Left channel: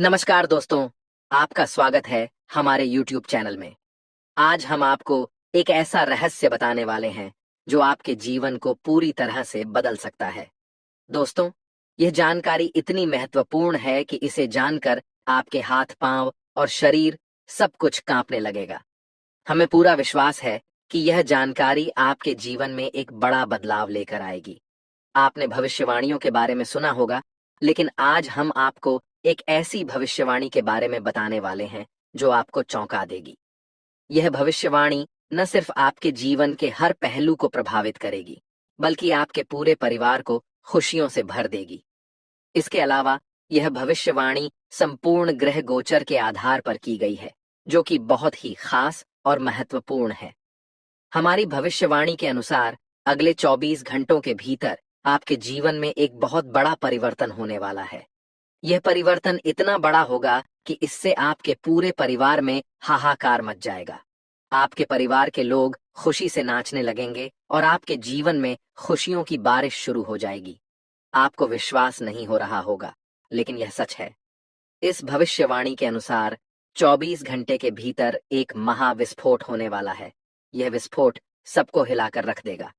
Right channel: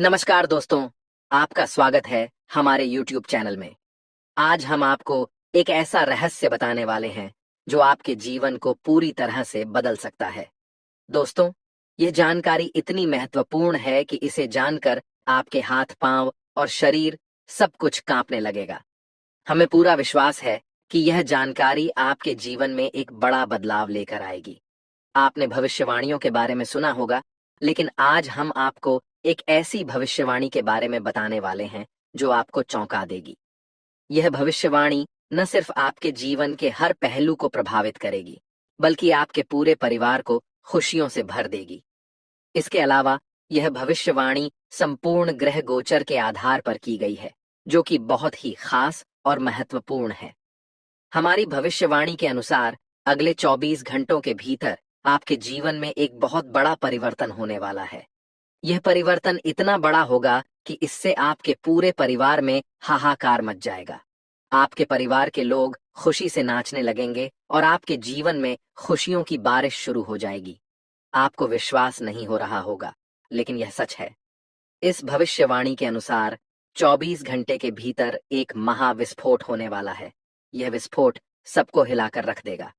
नमस्कार दोस्तों, आपका स्वागत है हमारे YouTube चैनल में। आज हम आपको एक ऐसा रहस्य बताने वाले हैं जो आपके जीवन को पूरी तरह से बदल सकता है। दोस्तों, यह जानकारी इतनी महत्वपूर्ण है कि इसे जानकर आपके हाथ-पांव और शरीर सब कुछ कांपने लगेगा। हमें पूरा विश्वास है कि यह जानकारी आपके जीवन में एक बड़ा बदलाव लेकर आएगी। आपने भविष्यवाणियों के बारे में सुना होगा, लेकिन आज हम आपको एक ऐसी भविष्यवाणी के बारे में बताने वाले हैं जो आपको चौंका देगी। यह भविष्यवाणी न सिर्फ आपके जीवन के हर पहलू को प्रभावित करेगी, बल्कि आपके पूरे परिवार को खुशियों से भर देगी। इसके अलावा यह भविष्यवाणी संपूर्ण ग्रह गोचर के आधार पर की गई है, जो कि बहुत ही खास और महत्वपूर्ण है। हमारी भविष्यवाणी के अनुसार अगले 24 घंटों के भीतर आपके जीवन में एक बहुत बड़ा परिवर्तन होने वाला है। यह परिवर्तन इतना बड़ा होगा कि इससे आपके पूरे परिवार में हाहाकार मच जाएगा। आपके परिवार के लोग खुशी से नाचने लगेंगे और आपके जीवन में खुशियों की बारिश शुरू हो जाएगी। आपको विश्वास नहीं हो रहा होगा, लेकिन यह सच है। इस भविष्यवाणी के अनुसार 24 घंटे के भीतर एक महाविस्फोट होने वाला है। यह विस्फोट सबको हिलाकर रख देगा।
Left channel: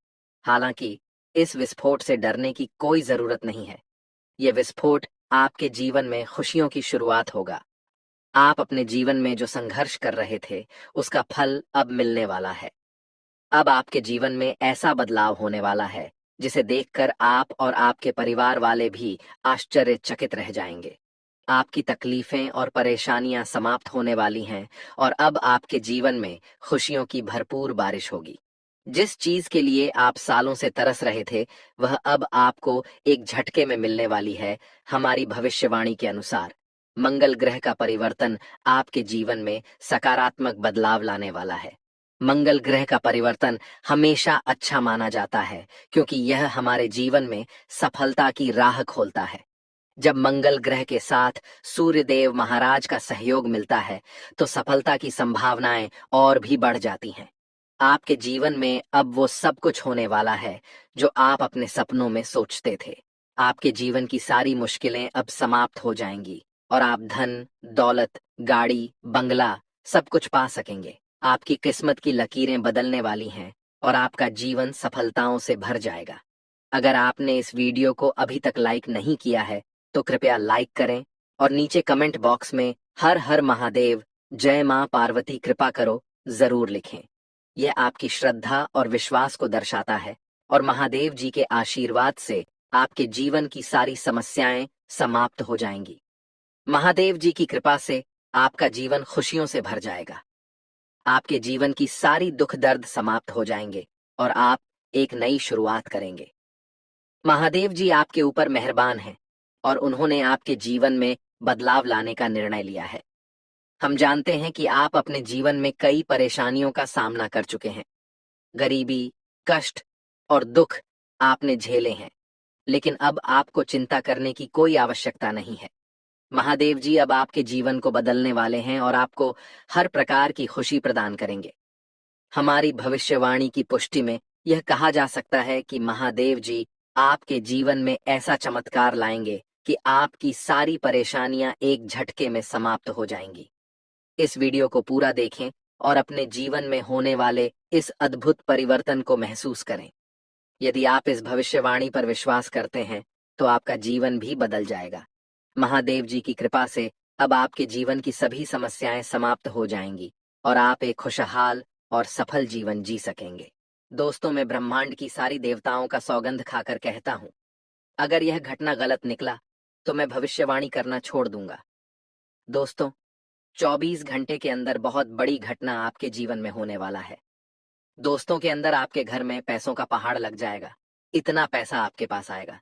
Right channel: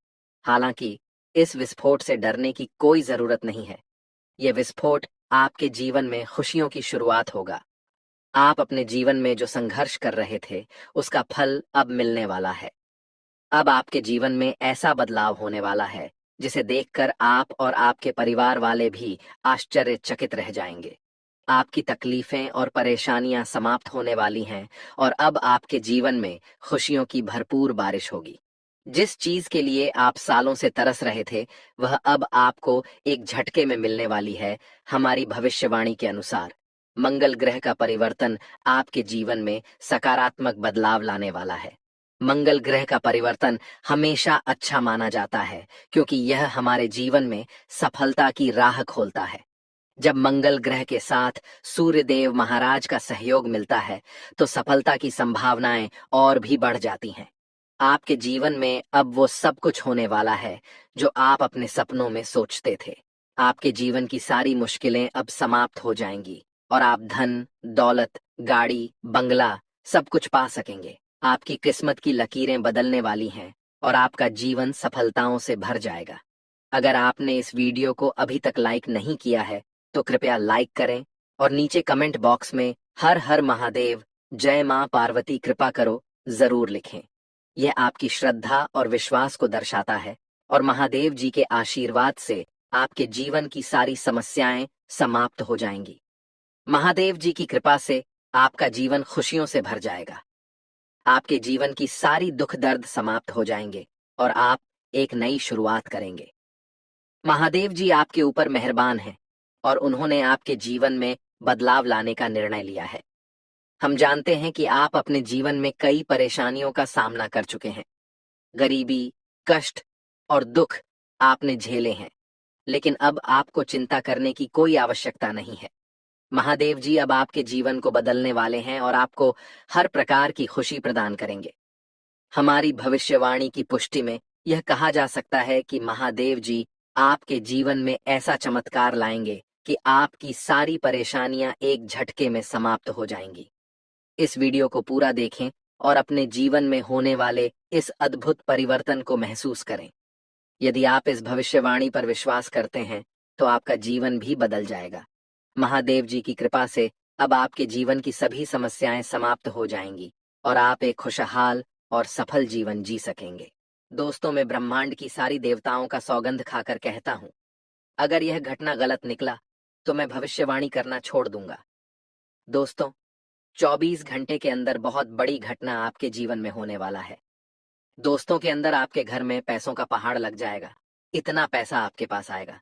हालांकि इस विस्फोट से डरने की कोई जरूरत नहीं है। यह विस्फोट आपके जीवन में खुशियों की शुरुआत होगा। आप अपने जीवन में जो संघर्ष कर रहे थे, उसका फल अब मिलने वाला है। अब आपके जीवन में ऐसा बदलाव होने वाला है, जिसे देखकर आप और आपके परिवार वाले भी आश्चर्यचकित रह जाएंगे। आपकी तकलीफें और परेशानियां समाप्त होने वाली हैं और अब आपके जीवन में खुशियों की भरपूर बारिश होगी। जिस चीज के लिए आप सालों से तरस रहे थे, वह अब आपको एक झटके में मिलने वाली है। हमारी भविष्यवाणी के अनुसार मंगल ग्रह का परिवर्तन आपके जीवन में सकारात्मक बदलाव लाने वाला है। मंगल ग्रह का परिवर्तन हमेशा अच्छा माना जाता है, क्योंकि यह हमारे जीवन में सफलता की राह खोलता है। जब मंगल ग्रह के साथ सूर्य देव महाराज का सहयोग मिलता है, तो सफलता की संभावनाएं और भी बढ़ जाती हैं। आपके जीवन में अब वो सब कुछ होने वाला है जो आप अपने सपनों में सोचते थे। आपके जीवन की सारी मुश्किलें अब समाप्त हो जाएंगी और आप धन, दौलत, गाड़ी, बंगला सब कुछ पा सकेंगे। आपकी किस्मत की लकीरें बदलने वाली हैं और आपका जीवन सफलताओं से भर जाएगा। अगर आपने इस वीडियो को अभी तक लाइक नहीं किया है, तो कृपया लाइक करें और नीचे कमेंट बॉक्स में हर हर महादेव, जय मां पार्वती कृपा करो जरूर लिखें। यह आपकी श्रद्धा और विश्वास को दर्शाता है और महादेव जी के आशीर्वाद से आपके जीवन की सारी समस्याएं समाप्त हो जाएंगी। महादेव जी की कृपा से आपका जीवन खुशियों से भर जाएगा। आपके जीवन की सारी दुख दर्द समाप्त हो जाएंगे और आप एक नई शुरुआत करेंगे। महादेव जी आपके ऊपर मेहरबान हैं और उन्होंने आपके जीवन में बदलाव लाने का निर्णय लिया है। हम जानते हैं कि आप अपने जीवन में कई परेशानियों का सामना कर चुके हैं। गरीबी, कष्ट और दुख आपने झेले हैं, लेकिन अब आपको चिंता करने की कोई आवश्यकता नहीं है। महादेव जी अब आपके जीवन को बदलने वाले हैं और आपको हर प्रकार की खुशी प्रदान करेंगे। हमारी भविष्यवाणी की पुष्टि में यह कहा जा सकता है कि महादेव जी आपके जीवन में ऐसा चमत्कार लाएंगे कि आपकी सारी परेशानियां एक झटके में समाप्त हो जाएंगी। इस वीडियो को पूरा देखें और अपने जीवन में होने वाले इस अद्भुत परिवर्तन को महसूस करें। यदि आप इस भविष्यवाणी पर विश्वास करते हैं, तो आपका जीवन भी बदल जाएगा। महादेव जी की कृपा से अब आपके जीवन की सभी समस्याएं समाप्त हो जाएंगी और आप एक खुशहाल और सफल जीवन जी सकेंगे। दोस्तों, मैं ब्रह्मांड की सारी देवताओं का सौगंध खाकर कहता हूँ, अगर यह घटना गलत निकला, तो मैं भविष्यवाणी करना छोड़ दूंगा। दोस्तों, 24 घंटे के अंदर बहुत बड़ी घटना आपके जीवन में होने वाला है। दोस्तों के अंदर आपके घर में पैसों का पहाड़ लग जाएगा। इतना पैसा आपके पास आएगा।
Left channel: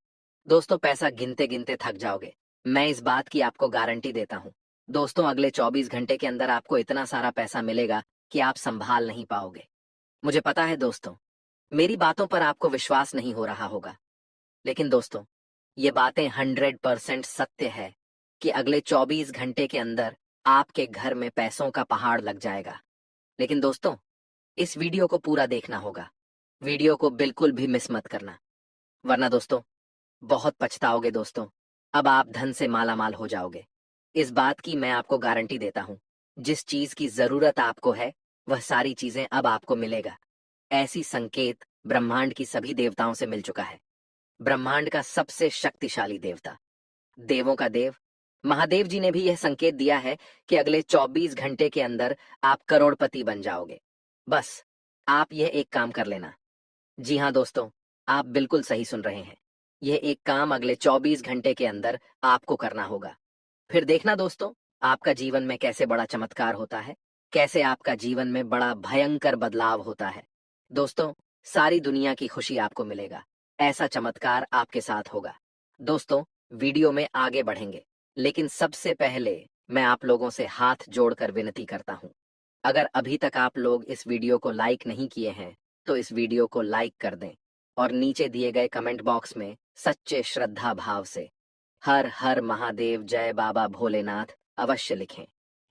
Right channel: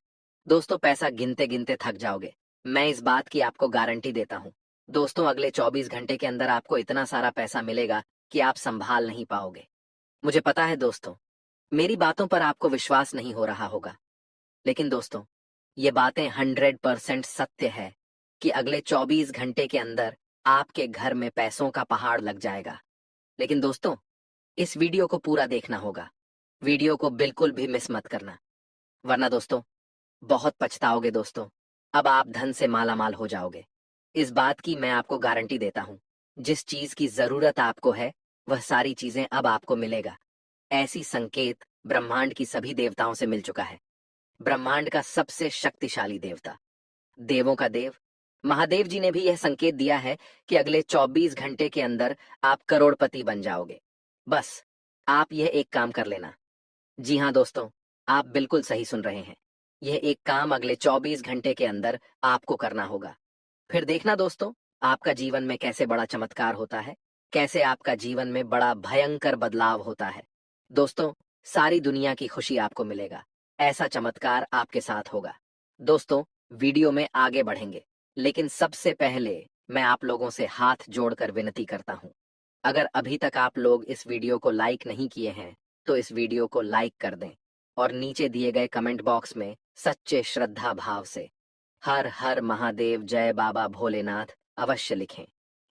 दोस्तों, पैसा गिनते गिनते थक जाओगे। मैं इस बात की आपको गारंटी देता हूँ। दोस्तों, अगले 24 घंटे के अंदर आपको इतना सारा पैसा मिलेगा कि आप संभाल नहीं पाओगे। मुझे पता है दोस्तों, मेरी बातों पर आपको विश्वास नहीं हो रहा होगा, लेकिन दोस्तों, ये बातें 100% सत्य है कि अगले 24 घंटे के अंदर आपके घर में पैसों का पहाड़ लग जाएगा। लेकिन दोस्तों, इस वीडियो को पूरा देखना होगा। वीडियो को बिल्कुल भी मिस मत करना, वरना दोस्तों बहुत पछताओगे दोस्तों। अब आप धन से माला माल हो जाओगे। इस बात की मैं आपको गारंटी देता हूँ, जिस चीज की जरूरत आपको है, वह सारी चीजें अब आपको मिलेगा। ऐसी संकेत ब्रह्मांड की सभी देवताओं से मिल चुका है। ब्रह्मांड का सबसे शक्तिशाली देवता, देवों का देव महादेव जी ने भी यह संकेत दिया है कि अगले 24 घंटे के अंदर आप करोड़पति बन जाओगे। बस आप यह एक काम कर लेना। जी हाँ दोस्तों, आप बिल्कुल सही सुन रहे हैं। यह एक काम अगले 24 घंटे के अंदर आपको करना होगा। फिर देखना दोस्तों, आपका जीवन में कैसे बड़ा चमत्कार होता है, कैसे आपका जीवन में बड़ा भयंकर बदलाव होता है। दोस्तों, सारी दुनिया की खुशी आपको मिलेगा। ऐसा चमत्कार आपके साथ होगा। दोस्तों, वीडियो में आगे बढ़ेंगे, लेकिन सबसे पहले मैं आप लोगों से हाथ जोड़कर विनती करता हूँ। अगर अभी तक आप लोग इस वीडियो को लाइक नहीं किए हैं, तो इस वीडियो को लाइक कर दें और नीचे दिए गए कमेंट बॉक्स में सच्चे श्रद्धा भाव से हर हर महादेव जय बाबा भोलेनाथ अवश्य लिखें।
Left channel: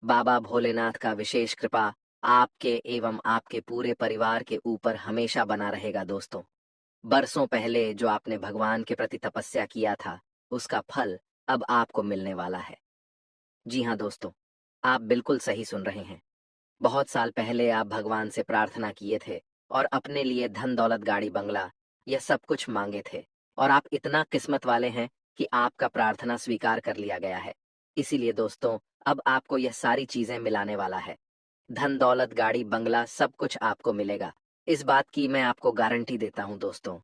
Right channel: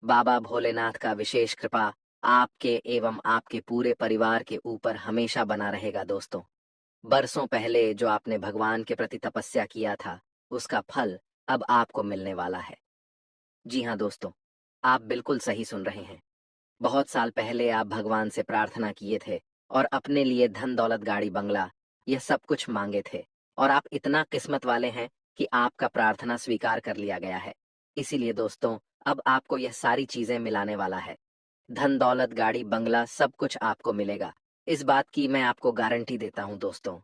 बाबा भोलेनाथ का विशेष कृपा आपके एवं आपके पूरे परिवार के ऊपर हमेशा बना रहेगा दोस्तों। बरसों पहले जो आपने भगवान के प्रति तपस्या किया था, उसका फल अब आपको मिलने वाला है। जी हाँ दोस्तों, आप बिल्कुल सही सुन रहे हैं। बहुत साल पहले आप भगवान से प्रार्थना किए थे और अपने लिए धन दौलत गाड़ी बंगला यह सब कुछ मांगे थे, और आप इतना किस्मत वाले हैं कि आपका प्रार्थना स्वीकार कर लिया गया है। इसीलिए दोस्तों, अब आपको यह सारी चीजें मिलाने वाला है। धन दौलत गाड़ी बंगला सब कुछ आपको मिलेगा। इस बात की मैं आपको गारंटी देता हूँ दोस्तों।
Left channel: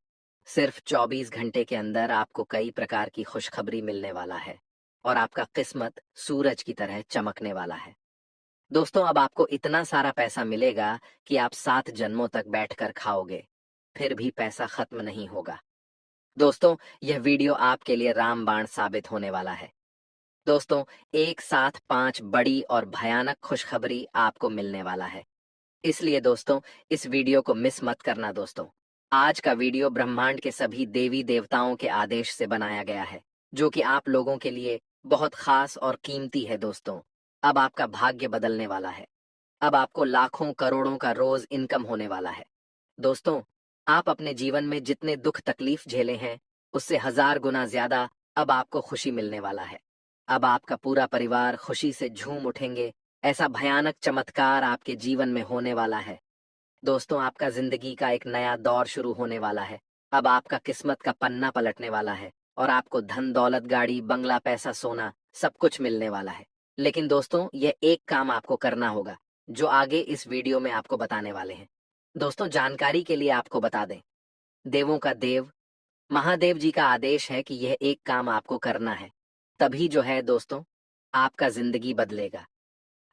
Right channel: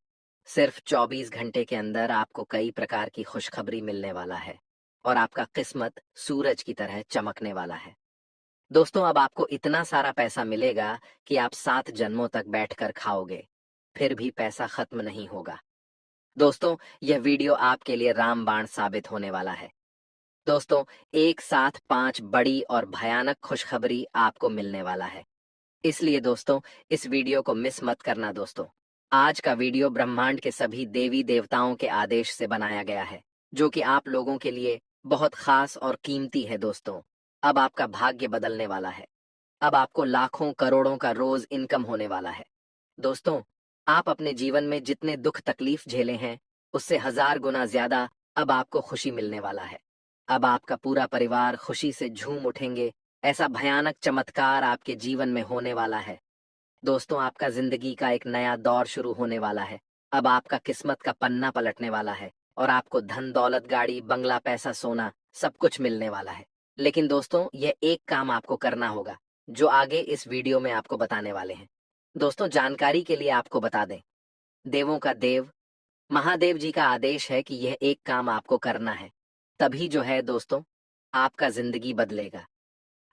सिर्फ 24 घंटे के अंदर आपको कई प्रकार की खुशखबरी मिलने वाला है और आपका किस्मत सूरज की तरह चमकने वाला है। दोस्तों, अब आपको इतना सारा पैसा मिलेगा कि आप 7 जन्मों तक बैठकर खाओगे, फिर भी पैसा खत्म नहीं होगा। दोस्तों, यह वीडियो आपके लिए रामबाण साबित होने वाला है। दोस्तों, एक साथ 5 बड़ी और भयानक खुशखबरी आपको मिलने वाला है। इसलिए दोस्तों, इस वीडियो को मिस मत करना दोस्तों। आज का वीडियो ब्रह्मांड के सभी देवी देवताओं के आदेश से बनाया गया है, जो कि आप लोगों के लिए बहुत खास और कीमती है दोस्तों। अब आपका भाग्य बदलने वाला है। अब आपको लाखों करोड़ों का रोज इनकम होने वाला है। दोस्तों, आप अपने जीवन में जितने दुख तकलीफ झेले हैं, उससे 1000 गुना ज्यादा अब आपको खुशी मिलने वाला है। अब आपका पूरा परिवार खुशी से झूम उठेंगे। ऐसा भयानक चमत्कार आपके जीवन में होने वाला है। दोस्तों, आपका जिंदगी का एक नया दौर शुरू होने वाला है। अब आपका किस्मत का पन्ना पलटने वाला है और आपको धन दौलत गाड़ी बंगला पैसा सोना सब कुछ मिलने वाला है। लेकिन दोस्तों, यह एक काम आपको करना होगा, जो आगे इस वीडियो में आपको बताने वाले हैं। दोस्तों, जानकारी के लिए आपको बता दें, देवों का देव महादेव जी का आदेश है कि यह एक काम आपको करना है। तभी जो है दोस्तों, आपका जिंदगी बदलेगा।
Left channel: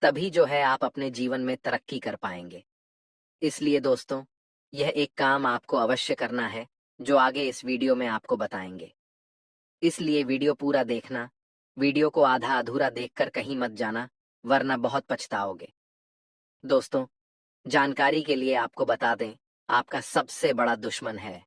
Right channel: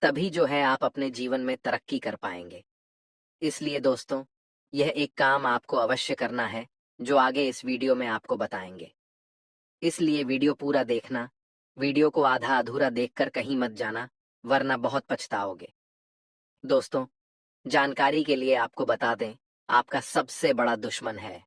तभी जो है आप अपने जीवन में तरक्की कर पाएंगे। इसलिए दोस्तों, यह एक काम आपको अवश्य करना है, जो आगे इस वीडियो में आपको बताएंगे। इसलिए वीडियो पूरा देखना। वीडियो को आधा अधूरा देखकर कहीं मत जाना, वरना बहुत पछताओगे। दोस्तों, जानकारी के लिए आपको बता दें, आपका सबसे बड़ा दुश्मन है।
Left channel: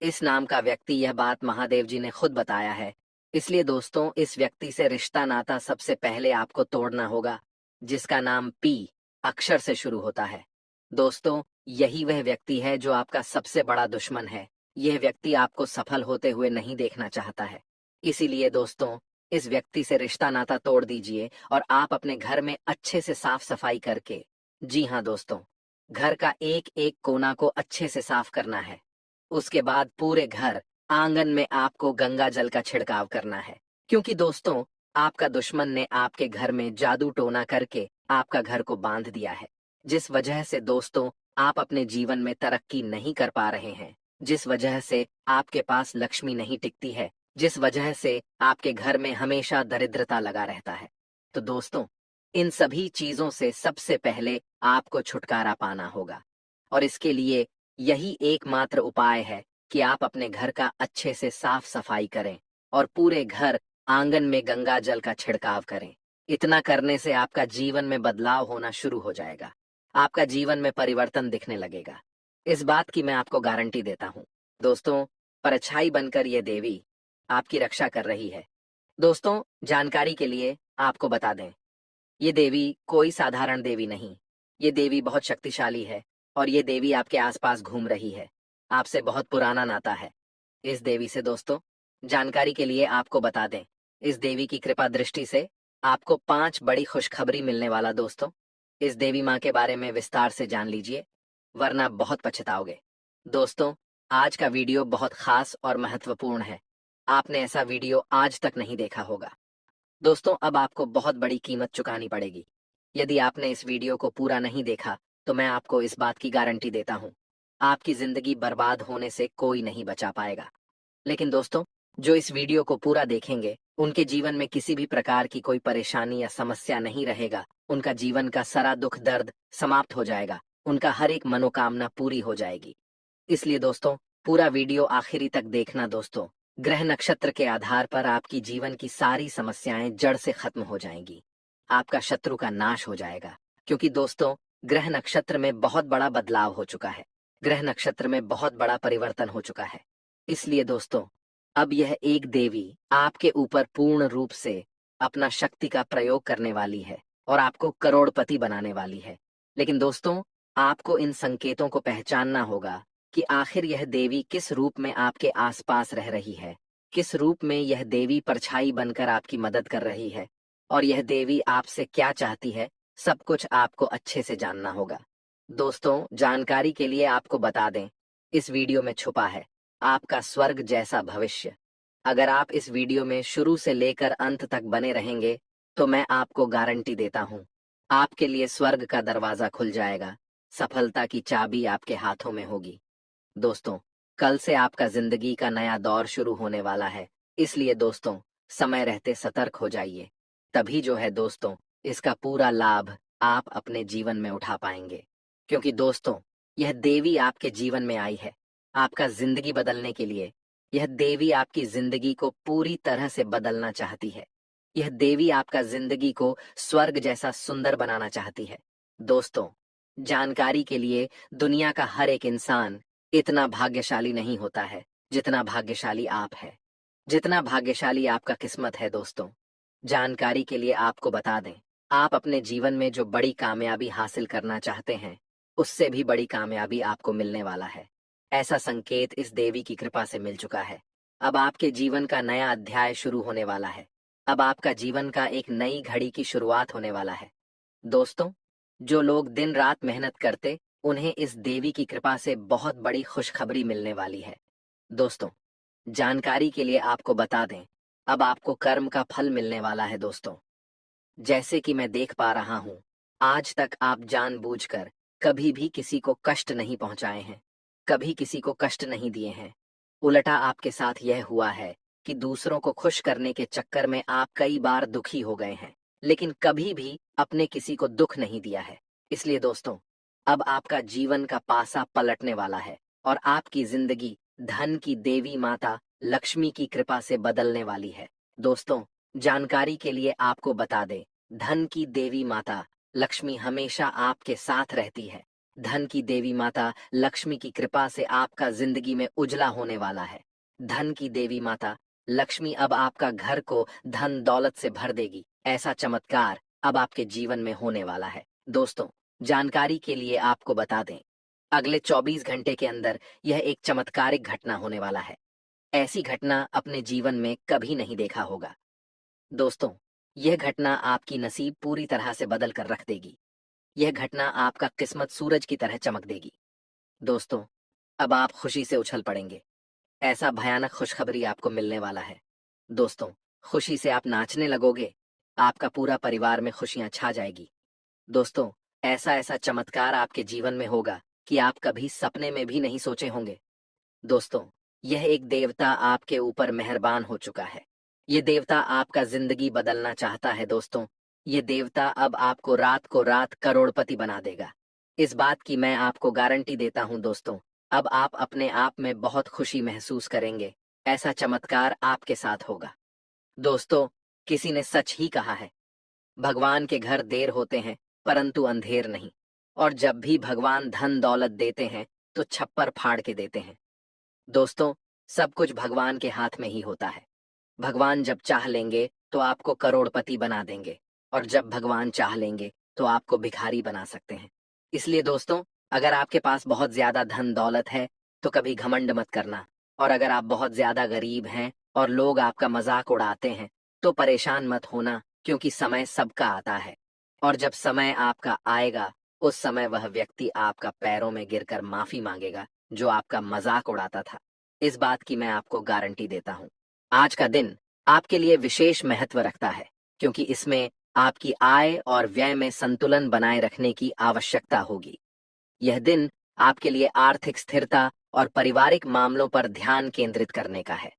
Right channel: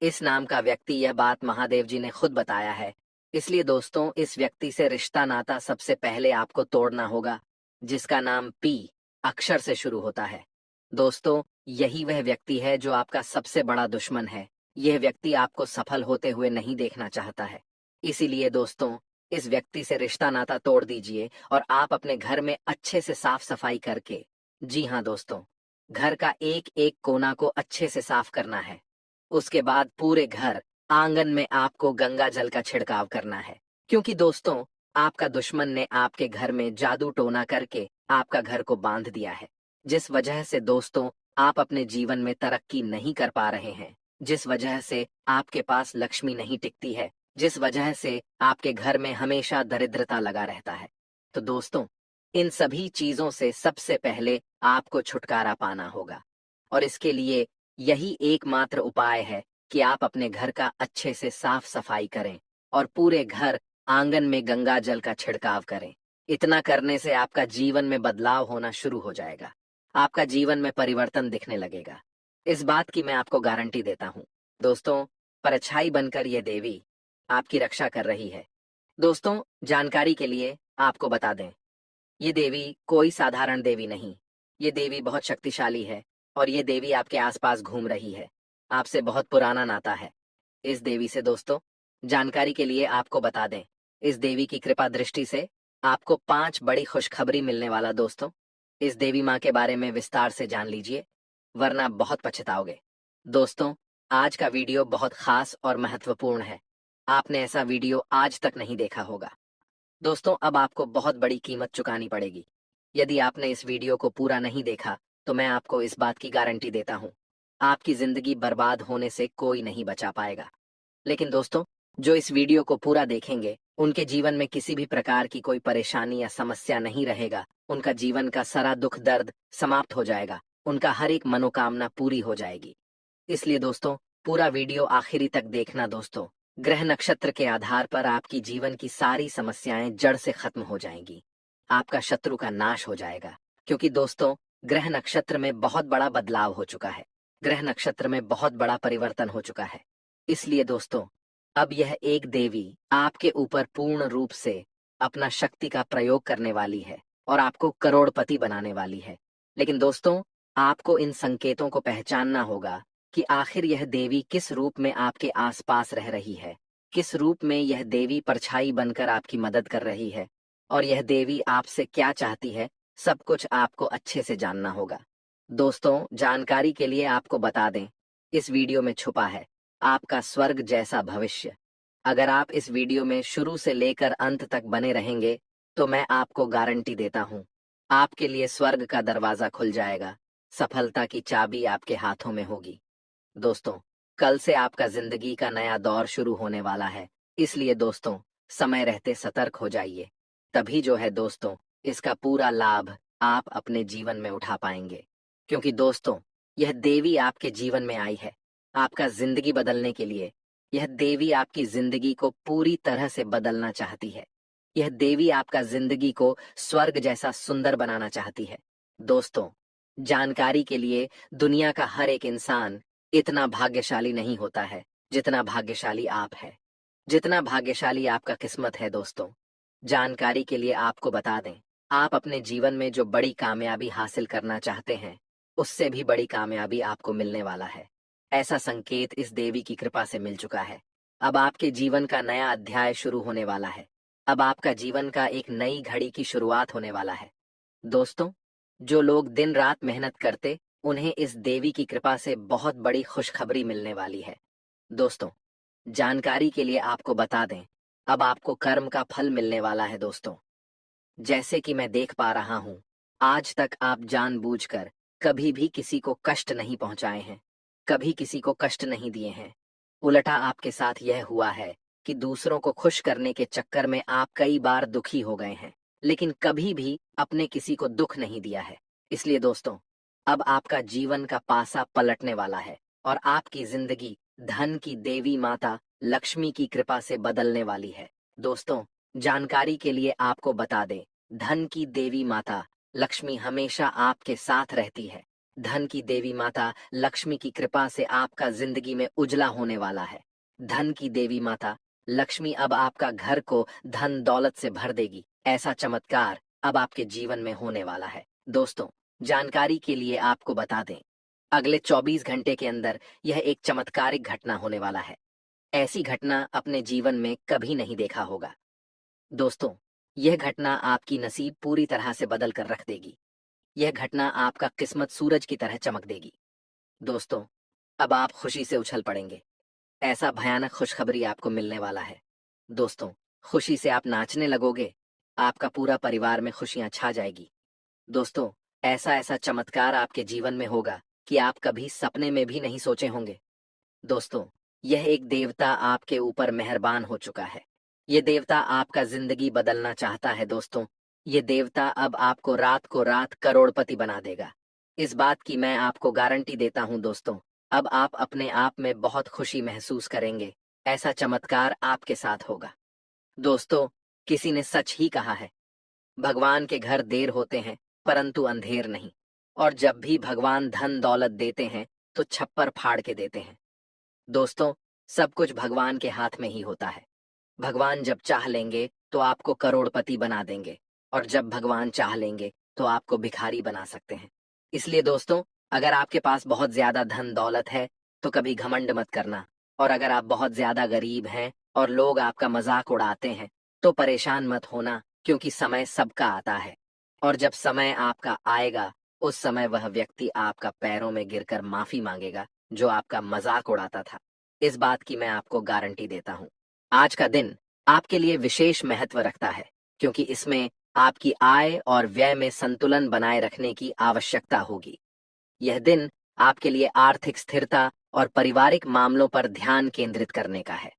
इस नाम का व्यक्ति, यह बात महादेव जी ने खुद बताया है। इसलिए दोस्तों, इस व्यक्ति से रिश्ता नाता सबसे पहले आपको तोड़ना होगा, जिसका नाम पी अक्षर से शुरू होता है। दोस्तों, यही वह व्यक्ति है जो आपका सबसे बड़ा दुश्मन है। यह व्यक्ति आपको सफल होते हुए नहीं देखना चाहता है। इसीलिए दोस्तों, इस व्यक्ति से रिश्ता नाता तोड़ दीजिए और आप अपने घर में अच्छे से साफ सफाई करके, जी हाँ दोस्तों, घर का एक एक कोना को अच्छे से साफ करना है। उसके बाद पूरे घर आंगन में आपको गंगा जल का छिड़काव करना है, क्योंकि दोस्तों, आपका दुश्मन ने आपके घर में जादू टोना करके आपका घर को बांध दिया है। जिस वजह से दोस्तों, आप अपने जीवन में तरक्की नहीं कर पा रहे हैं, जिस वजह से आपके पास लक्ष्मी नहीं टिकती है, जिस वजह से आपके घर में हमेशा दरिद्रता लगा रहता है। तो दोस्तों, इन सभी चीजों से सबसे पहले आपको छुटकारा पाना होगा, और इसके लिए यही एकमात्र उपाय है कि आप अपने घर का अच्छे से साफ सफाई करें और पूरे घर आंगन में गंगा जल का छिड़काव करें। इतना करने से आपका जीवन में बदलाव होना शुरू हो जाएगा। आपका जीवन में परिवर्तन दिखने लगेगा। इस बात की मैं आपको गारंटी देता हूँ। दोस्तों, परछाई बनकर ये देवी आपकी रक्षा कर रही है। दोस्तों, जानकारी के लिए आपको बता दें, ये देवी कोई साधारण देवी नहीं। ये देवी बहुत शक्तिशाली है और ये देवी आपके आसपास घूम रही है। आपसे बहुत पुराना नाता है इस देवी से। दोस्तों, जानकारी के लिए आपको बता दें, इस देवी की कृपा दृष्टि से आपको 5 बड़ी खुशखबरी मिलने वाला दोस्तों। इस देवी माँ के बारे में विस्तार से जान लीजिए, वरना बहुत पछताओगे। दोस्तों, आज का वीडियो बहुत खास और महत्वपूर्ण है। आपने ऐसा वीडियो आज तक नहीं देखा होगा। दोस्तों, अब आपको बहुत बड़ी कीमत चुकानी पड़ेगी। यदि आपने इस वीडियो को पूरा नहीं देखा, तो मैं आपको इस बात की गारंटी देता हूँ, आपकी जिंदगी बर्बाद होने से कोई नहीं बचा पाएगा। लेकिन दोस्तों, जो इस वीडियो को पूरा देखेंगे, उनके जीवन में किसी भी प्रकार की कोई परेशानी या समस्या नहीं रहेगा। उनका जीवन का सारा दुख दर्द समाप्त हो जाएगा। उनका हर एक मनोकामना पूरी हो जाएगी। इसलिए दोस्तों, पूरा वीडियो आखिरी तक देखना दोस्तों। ग्रह नक्षत्र के आधार पर आपकी जीवन की सारी समस्याएं जड़ से खत्म हो जाएंगी। आपका शत्रु का नाश हो जाएगा। क्योंकि दोस्तों, ग्रह नक्षत्र में बहुत बड़ा बदलाव हो चुका है। ग्रह नक्षत्र में बहुत बड़ा परिवर्तन हो चुका है। इसलिए दोस्तों, अब यह एक देवी आपके ऊपर पूर्ण रूप से अपना शक्ति का प्रयोग करने वाली है और आपको करोड़पति बनाने वाली है। लेकिन दोस्तों, आपको इन संकेतों को पहचानना होगा कि आखिर यह देवी किस रूप में आपके आसपास रह रही है, किस रूप में यह देवी परछाई बनकर आपकी मदद कर रही है और यह देवी आपसे क्या चाहती है। सब कुछ आपको अच्छे से जानना होगा। दोस्तों, जानकारी के लिए आपको बता दें, इस वीडियो में छुपा है आपका स्वर्ग जैसा भविष्य। अगर आप इस वीडियो में शुरू से लेकर अंत तक बने रहेंगे, तो मैं आपको गारंटी देता हूँ, आपके लिए स्वर्ग का दरवाजा खुल जाएगा। सफलता की चाबी आपके हाथों में होगी। दोस्तों, कल से आपका जिंदगी का नया दौर शुरू होने वाला है। इसलिए दोस्तों, समय रहते सतर्क हो जाइए। तभी जो है दोस्तों, इसका पूरा लाभ आप अपने जीवन में उठा पाएंगे। क्योंकि दोस्तों, यह देवी आपके जीवन में आई है आपका जिंदगी बदलने के लिए। यह देवी आपकी जिंदगी को पूरी तरह से बदलना चाहती है। यह देवी आपका जिंदगी को स्वर्ग जैसा सुंदर बनाना चाहती है। दोस्तों, जानकारी के लिए, दुनिया का हर एक इंसान इतना भाग्यशाली नहीं होता है जितना भाग्यशाली आप है। जितना भाग्यशाली आपका किस्मत है दोस्तों। जानकारी के लिए आपको बता दें, आप अपने जीवन में जो बड़ी कामयाबी हासिल करना चाहते हैं, उससे भी बड़ी कामयाबी आपको मिलने वाला है। ऐसा संकेत इस देवी की कृपा से मिल चुका है। अब आपके जीवन का नया अध्याय शुरू होने वाला है। अब आपका जीवन का एक नई घड़ी की शुरुआत होने वाला है। दोस्तों, जो लोग दिन रात मेहनत करते, उन्हें इस देवी की कृपा से बहुत बड़ी खुशखबरी मिलने वाली है। दोस्तों, जानकारी के लिए आपको बता दें, अब आपको कर्म का फल मिलने वाला है दोस्तों। जैसे कि मैं देख पा रहा हूँ, आज तक आप जानबूझकर कभी भी किसी को कष्ट नहीं पहुंचाए हैं, कभी किसी को कष्ट नहीं दिए हैं। उल्टा आपके साथ यह हुआ है कि दूसरों को खुश करने के चक्कर में आप कई बार दुखी हो गए हैं, लेकिन कभी भी अपने किसी को दुख नहीं दिया है। इसलिए दोस्तों, अब आपका जीवन का पासा पलटने वाला है और आपकी जिंदगी धन की देवी माता लक्ष्मी की कृपा से बदलने वाली है। दोस्तों, जानकारी के लिए आपको बता दें, धन की देवी माता लक्ष्मी हमेशा आपके साथ रहती है। धन की देवी माता लक्ष्मी की कृपा से आपका जिंदगी में उजला होने वाला है। धन की देवी माता लक्ष्मी अब आपका घर को धन दौलत से भर देगी। ऐसा चमत्कार अब आपके जीवन में होने वाला है। दोस्तों, जानकारी के लिए आपको बता दें, अगले 24 घंटे के अंदर यह एक चमत्कारिक घटना होने वाला है। ऐसी घटना अपने जीवन में कभी नहीं देखा होगा। दोस्तों, यह घटना आपकी नसीब पूरी तरह से बदल कर रख देगी। यह घटना आपका किस्मत सूरज की तरह चमक देगी। दोस्तों, अब आप खुशी से उछल पड़ेंगे। ऐसा भयानक खुशखबरी आपको मिलने वाला है। दोस्तों, खुशी से आप नाचने लगोगे। आपका पूरा परिवार में खुशियां छा जाएगी। दोस्तों, ऐसा ऐसा चमत्कार आपके जीवन में होगा कि आप कभी सपने में भी नहीं सोचे होंगे। दोस्तों, यह एक देवता आपके ऊपर मेहरबान हो चुका है। ये देवता आपका जिंदगी बदलना चाहता है दोस्तों। ये देवता अब आपको रात को रात करोड़पति बना देगा। इस बात की मैं आपको गारंटी देता हूँ दोस्तों। अब आप अपने आप में बहुत खुशी महसूस करेंगे। ऐसा चमत्कार आपके साथ होगा। दोस्तों, किसी ने सच ही कहा है, भगवान के घर देर होते हैं परंतु अंधेर नहीं। और जब भी भगवान धन दौलत देते हैं, तो छप्पर फाड़ के देते हैं। दोस्तों, सब कुछ भगवान के हाथ में ही होता है। भगवान जब चाह लेंगे तो आपको करोड़पति बना देंगे, और जब भगवान चाह लेंगे तो आपको भिखारी बना सकते हैं। इसलिए दोस्तों, अगर आपके पास बहुत ज्यादा धन दौलत है, तो कभी घमंड मत करना। और अगर आप बहुत ज्यादा गरीब हैं और लोग आपका मजाक उड़ाते हैं, तो परेशान मत होना, क्योंकि समय सबका आता है, और जब समय आपका आएगा, उस समय वह व्यक्ति आपका पैरों में गिरकर माफी मांगेगा, जो आपका मजाक उड़ाता था। इस बात की मैं आपको गारंटी देता हूँ। आज का दिन आपके लिए विशेष महत्व रखता है, क्योंकि इसमें आपकी आय और व्यय में संतुलन बनाए रखने की आवश्यकता होगी। यह दिन आपके लिए आर्थिक स्थिरता और पारिवारिक मामलों पर ध्यान केंद्रित करने का है।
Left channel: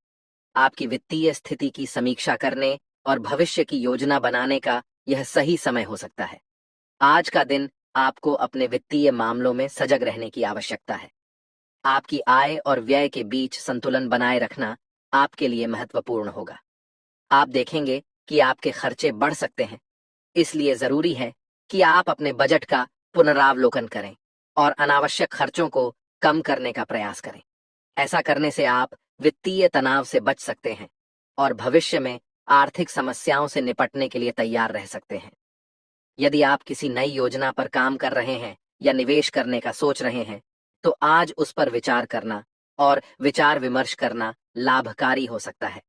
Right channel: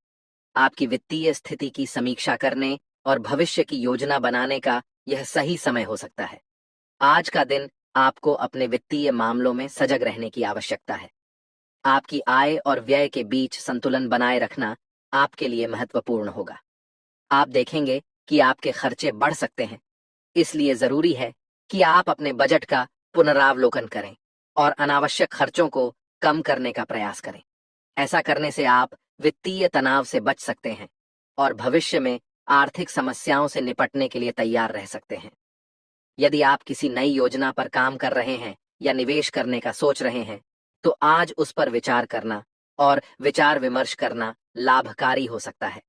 आपकी वित्तीय स्थिति की समीक्षा करने और भविष्य की योजना बनाने का यह सही समय हो सकता है। आज का दिन आपको अपने वित्तीय मामलों में सजग रहने की आवश्यकता है। आपकी आय और व्यय के बीच संतुलन बनाए रखना आपके लिए महत्वपूर्ण होगा। आप देखेंगे कि आपके खर्चे बढ़ सकते हैं, इसलिए जरूरी है कि आप अपने बजट का पुनरावलोकन करें और अनावश्यक खर्चों को कम करने का प्रयास करें। ऐसा करने से आप वित्तीय तनाव से बच सकते हैं और भविष्य में आर्थिक समस्याओं से निपटने के लिए तैयार रह सकते हैं। यदि आप किसी नई योजना पर काम कर रहे हैं या निवेश करने का सोच रहे हैं, तो आज उस पर विचार करना और विचार विमर्श करना लाभकारी हो सकता है।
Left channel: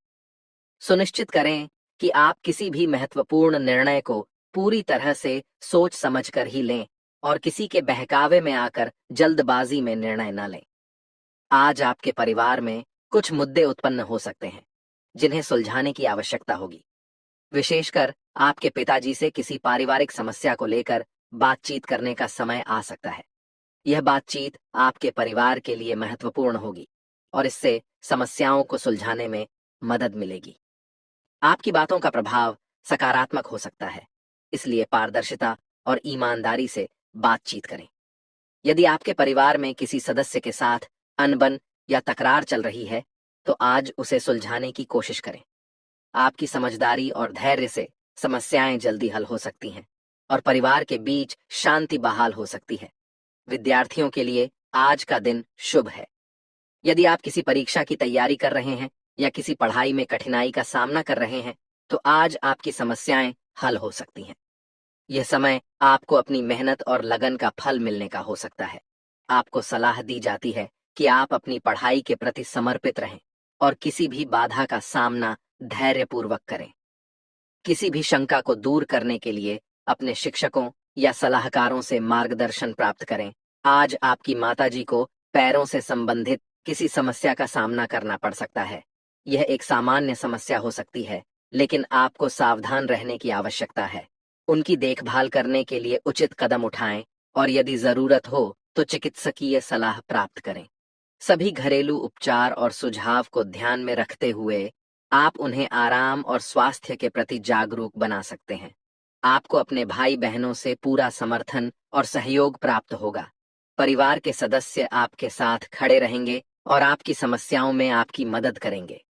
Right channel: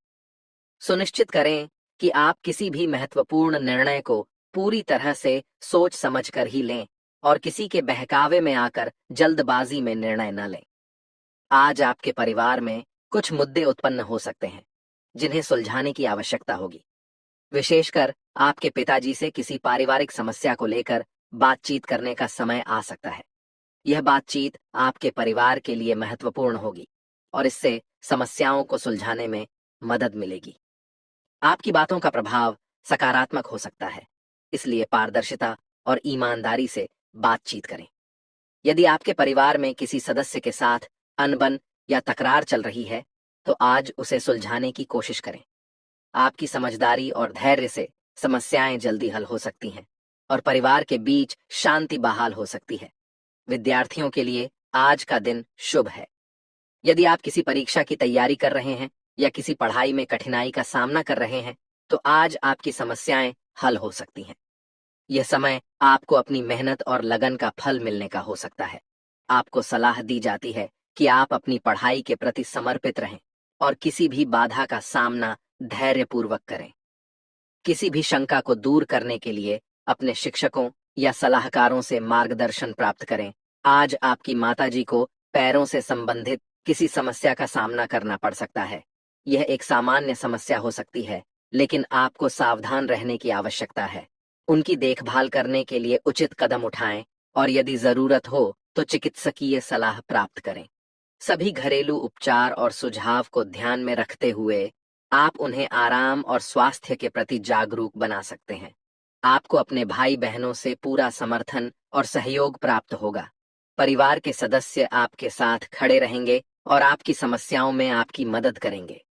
सुनिश्चित करें कि आप किसी भी महत्वपूर्ण निर्णय को पूरी तरह से सोच समझकर ही लें और किसी के बहकावे में आकर जल्दबाजी में निर्णय न लें। आज आपके परिवार में कुछ मुद्दे उत्पन्न हो सकते हैं, जिन्हें सुलझाने की आवश्यकता होगी। विशेषकर आपके पिताजी से किसी पारिवारिक समस्या को लेकर बातचीत करने का समय आ सकता है। यह बातचीत आपके परिवार के लिए महत्वपूर्ण होगी और इससे समस्याओं को सुलझाने में मदद मिलेगी। आपकी बातों का प्रभाव सकारात्मक हो सकता है, इसलिए पारदर्शिता और ईमानदारी से बातचीत करें। यदि आपके परिवार में किसी सदस्य के साथ अनबन या तकरार चल रही है, तो आज उसे सुलझाने की कोशिश करें। आपकी समझदारी और धैर्य से समस्याएं जल्दी हल हो सकती हैं और परिवार के बीच शांति बहाल हो सकती है। विद्यार्थियों के लिए आज का दिन शुभ है। यदि आप किसी परीक्षा की तैयारी कर रहे हैं या किसी पढ़ाई में कठिनाई का सामना कर रहे हैं, तो आज आपकी समस्याएं हल हो सकती हैं। यह समय आपको अपनी मेहनत और लगन का फल मिलने का हो सकता है। आपको सलाह दी जाती है कि आप अपनी पढ़ाई के प्रति समर्पित रहें और किसी भी बाधा का सामना धैर्यपूर्वक करें। किसी भी शंका को दूर करने के लिए अपने शिक्षकों या सलाहकारों से मार्गदर्शन प्राप्त करें। आज आपकी माताजी को पैरों से संबंधित किसी समस्या का सामना करना पड़ सकता है। यह एक सामान्य समस्या हो सकती है, लेकिन आपको सावधान रहने की आवश्यकता है। उनकी देखभाल करने के लिए उचित कदम उठाएं और यदि जरूरत हो तो चिकित्सकीय सलाह प्राप्त करें। सभी घरेलू उपचार और सुझाव को ध्यान में रखते हुए आप उन्हें आराम और स्वास्थ्य के प्रति जागरूक बना सकते हैं। आपको अपने भाई बहनों से पूरा समर्थन और सहयोग प्राप्त होगा। परिवार के सदस्य आपके साथ खड़े रहेंगे और आपकी समस्याओं में आपकी मदद करेंगे।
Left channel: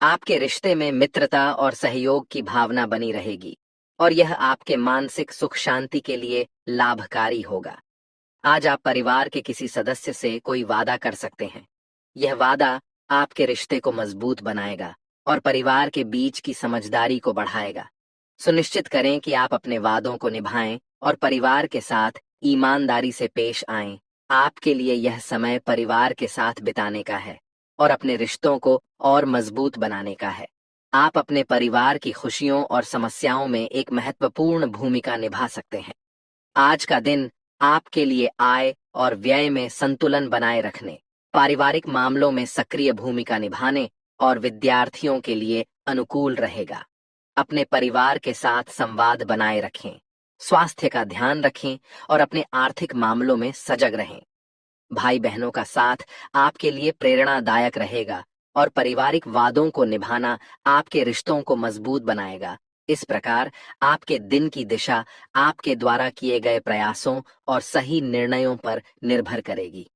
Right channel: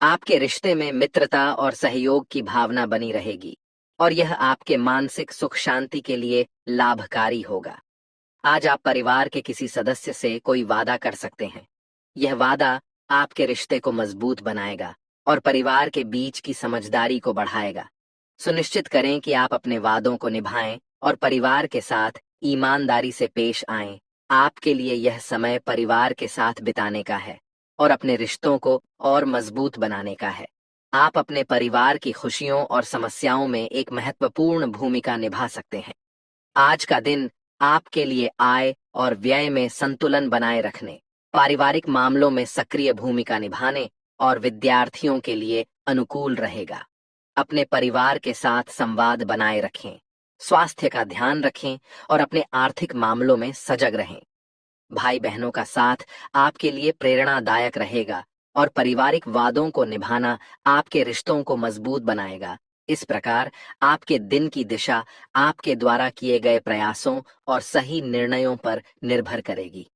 आपके रिश्ते में मित्रता और सहयोग की भावना बनी रहेगी और यह आपके मानसिक सुख शांति के लिए लाभकारी होगा। आज आप परिवार के किसी सदस्य से कोई वादा कर सकते हैं। यह वादा आपके रिश्ते को मजबूत बनाएगा और परिवार के बीच की समझदारी को बढ़ाएगा। सुनिश्चित करें कि आप अपने वादों को निभाएं और परिवार के साथ ईमानदारी से पेश आएं। आपके लिए यह समय परिवार के साथ बिताने का है और अपने रिश्तों को और मजबूत बनाने का है। आप अपने परिवार की खुशियों और समस्याओं में एक महत्वपूर्ण भूमिका निभा सकते हैं। आज का दिन आपके लिए आय और व्यय में संतुलन बनाए रखने, पारिवारिक मामलों में सक्रिय भूमिका निभाने और विद्यार्थियों के लिए अनुकूल रहेगा। अपने परिवार के साथ संवाद बनाए रखें, स्वास्थ्य का ध्यान रखें और अपने आर्थिक मामलों में सजग रहें। भाई बहनों का साथ आपके लिए प्रेरणादायक रहेगा और पारिवारिक वादों को निभाना आपके रिश्तों को मजबूत बनाएगा। इस प्रकार आपके दिन की दिशा आपके द्वारा किए गए प्रयासों और सही निर्णयों पर निर्भर करेगी।